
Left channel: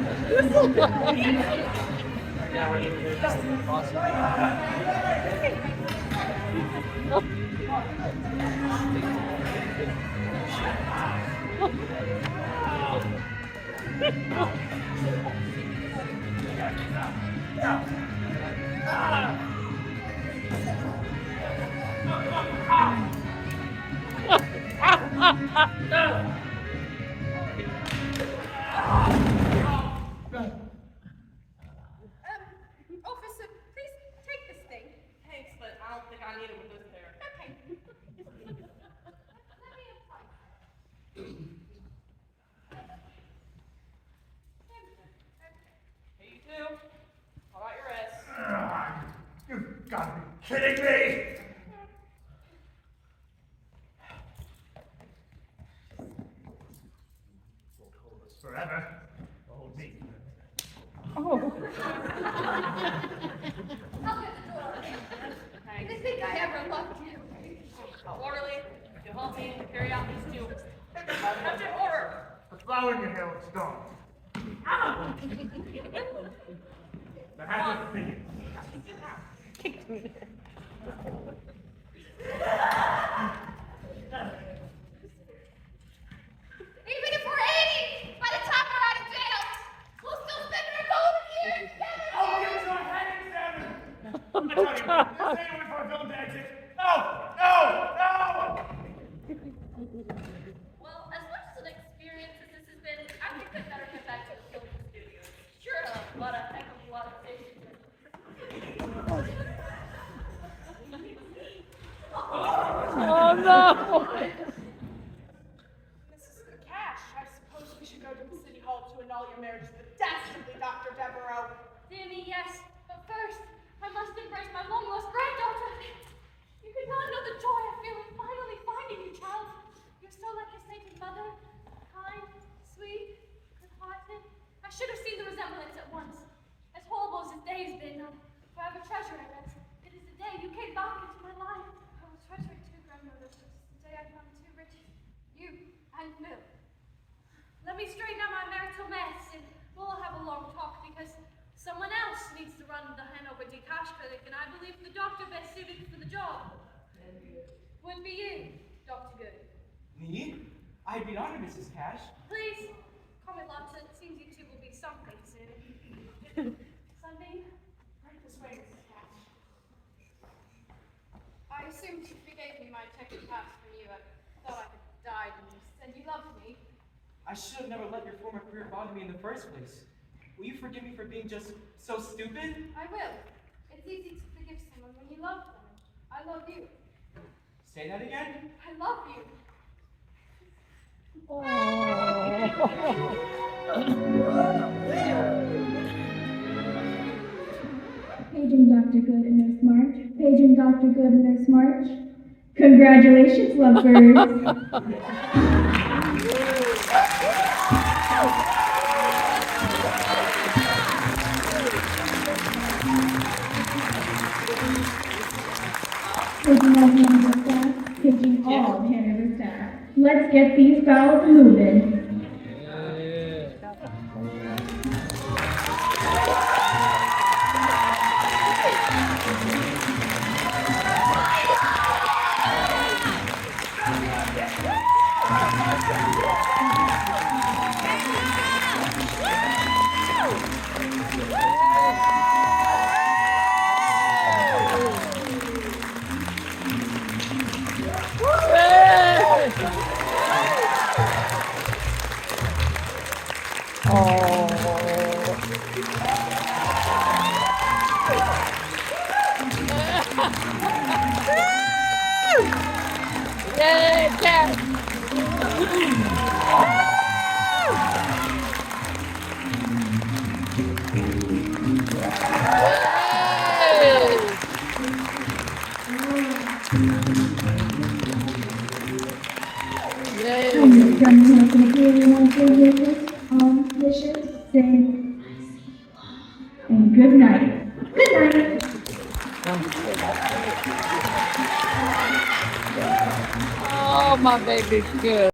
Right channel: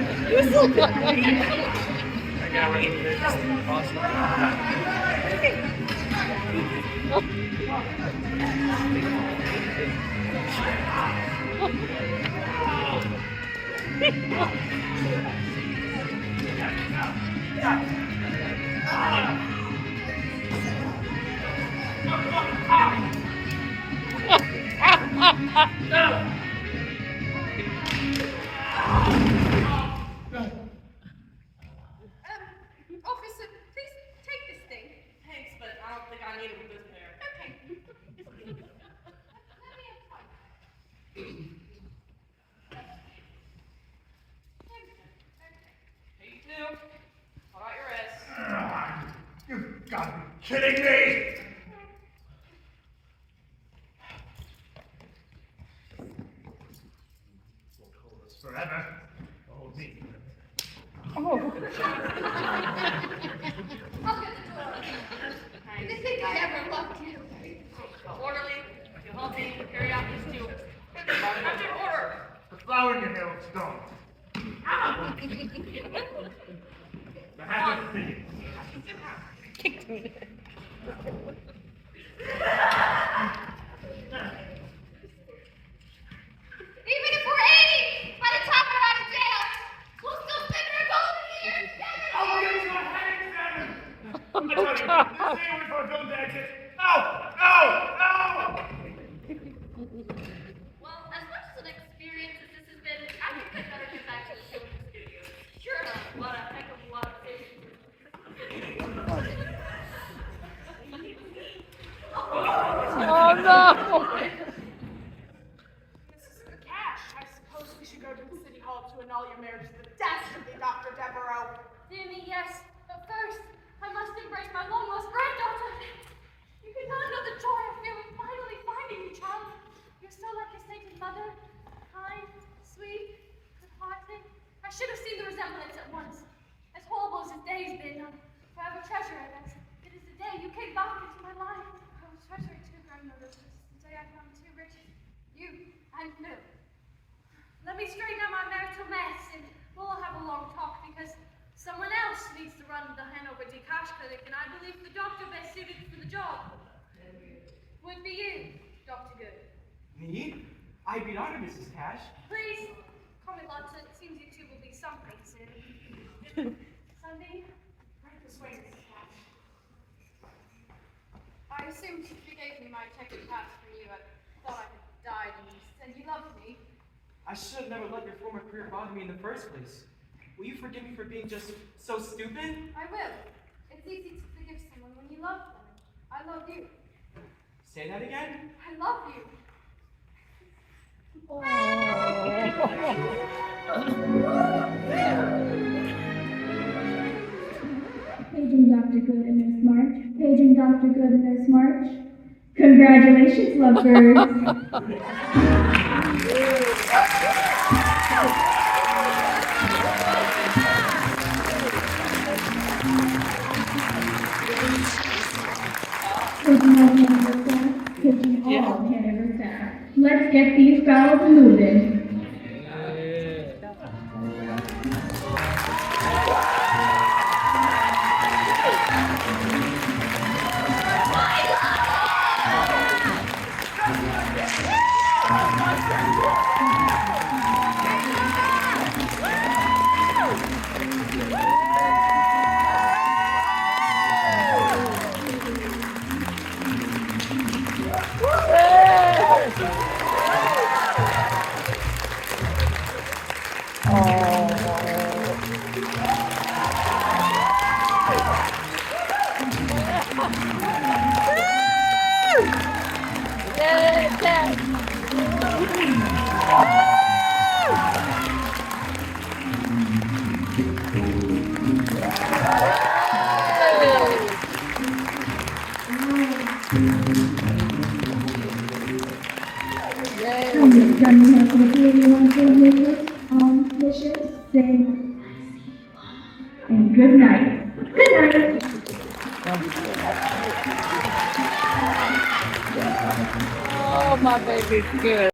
Officer, please take this thing. Thanks, but I don't think I need it with this pair. Okay. Let me have fun. Hey, you too. Hold out your wrists. You've got to be kidding me! Won't hold us forever. Hold me. I'll get the door open. You think I ever loved you? Orderly, you halt me, carry out these two. Captain, order! The flower in your hair looks gone. The hat is thin. Even if we're 80, by the time we're out of jail, we'll still spend our golden years together. I'll give you a heading, Seven! I tell you, this ain't with our film exit. No! No! No! Well, as much as an experience as this has been, I think I'd better get back to the film studio. Sure. annul your marriage to the dastardly Dr. Deveraux. Dear me, yes. But first, I must embrace my long-lost granddaughter. You cannot know the joy I feel in finally finding you, child. You're so like your sainted mother. Kind, sweet, good-hearted. I should have seen the resemblance at once. As horrible as this day has been, I'll forever treasure it as it is the day you came back into my life. I will treasure it too, grandmother, because it's the day I found two riches, you and Phil. Let me straighten out my marital mess, and we'll have a long talk, because someone else needs to run the Hanover D. Cash Clinic, and I believe the doctor best suited for the job would be you, Dr. Good. Me? I'd be honored, Mrs. Cash. Please, call me Lotta. It seems you two will be something soon. Sunday, Right this way, Mrs. Cash. I assumed you gave me my ticket pass from you. I thought I had died and you said you loved me. I should have never let your former career bother me in the first place. Will you forgive me for being just so stupid? I will. It's easy to forgive someone when you love them. I love you. Say that again? I love you. Paging Dr. Good and Nurse March. Paging Dr. Good and Nurse March. Congratulations, lovebirds. Paging all of Hanover staff. Let's get these bowels moving. And good night. Good night. Oh, my baby's good.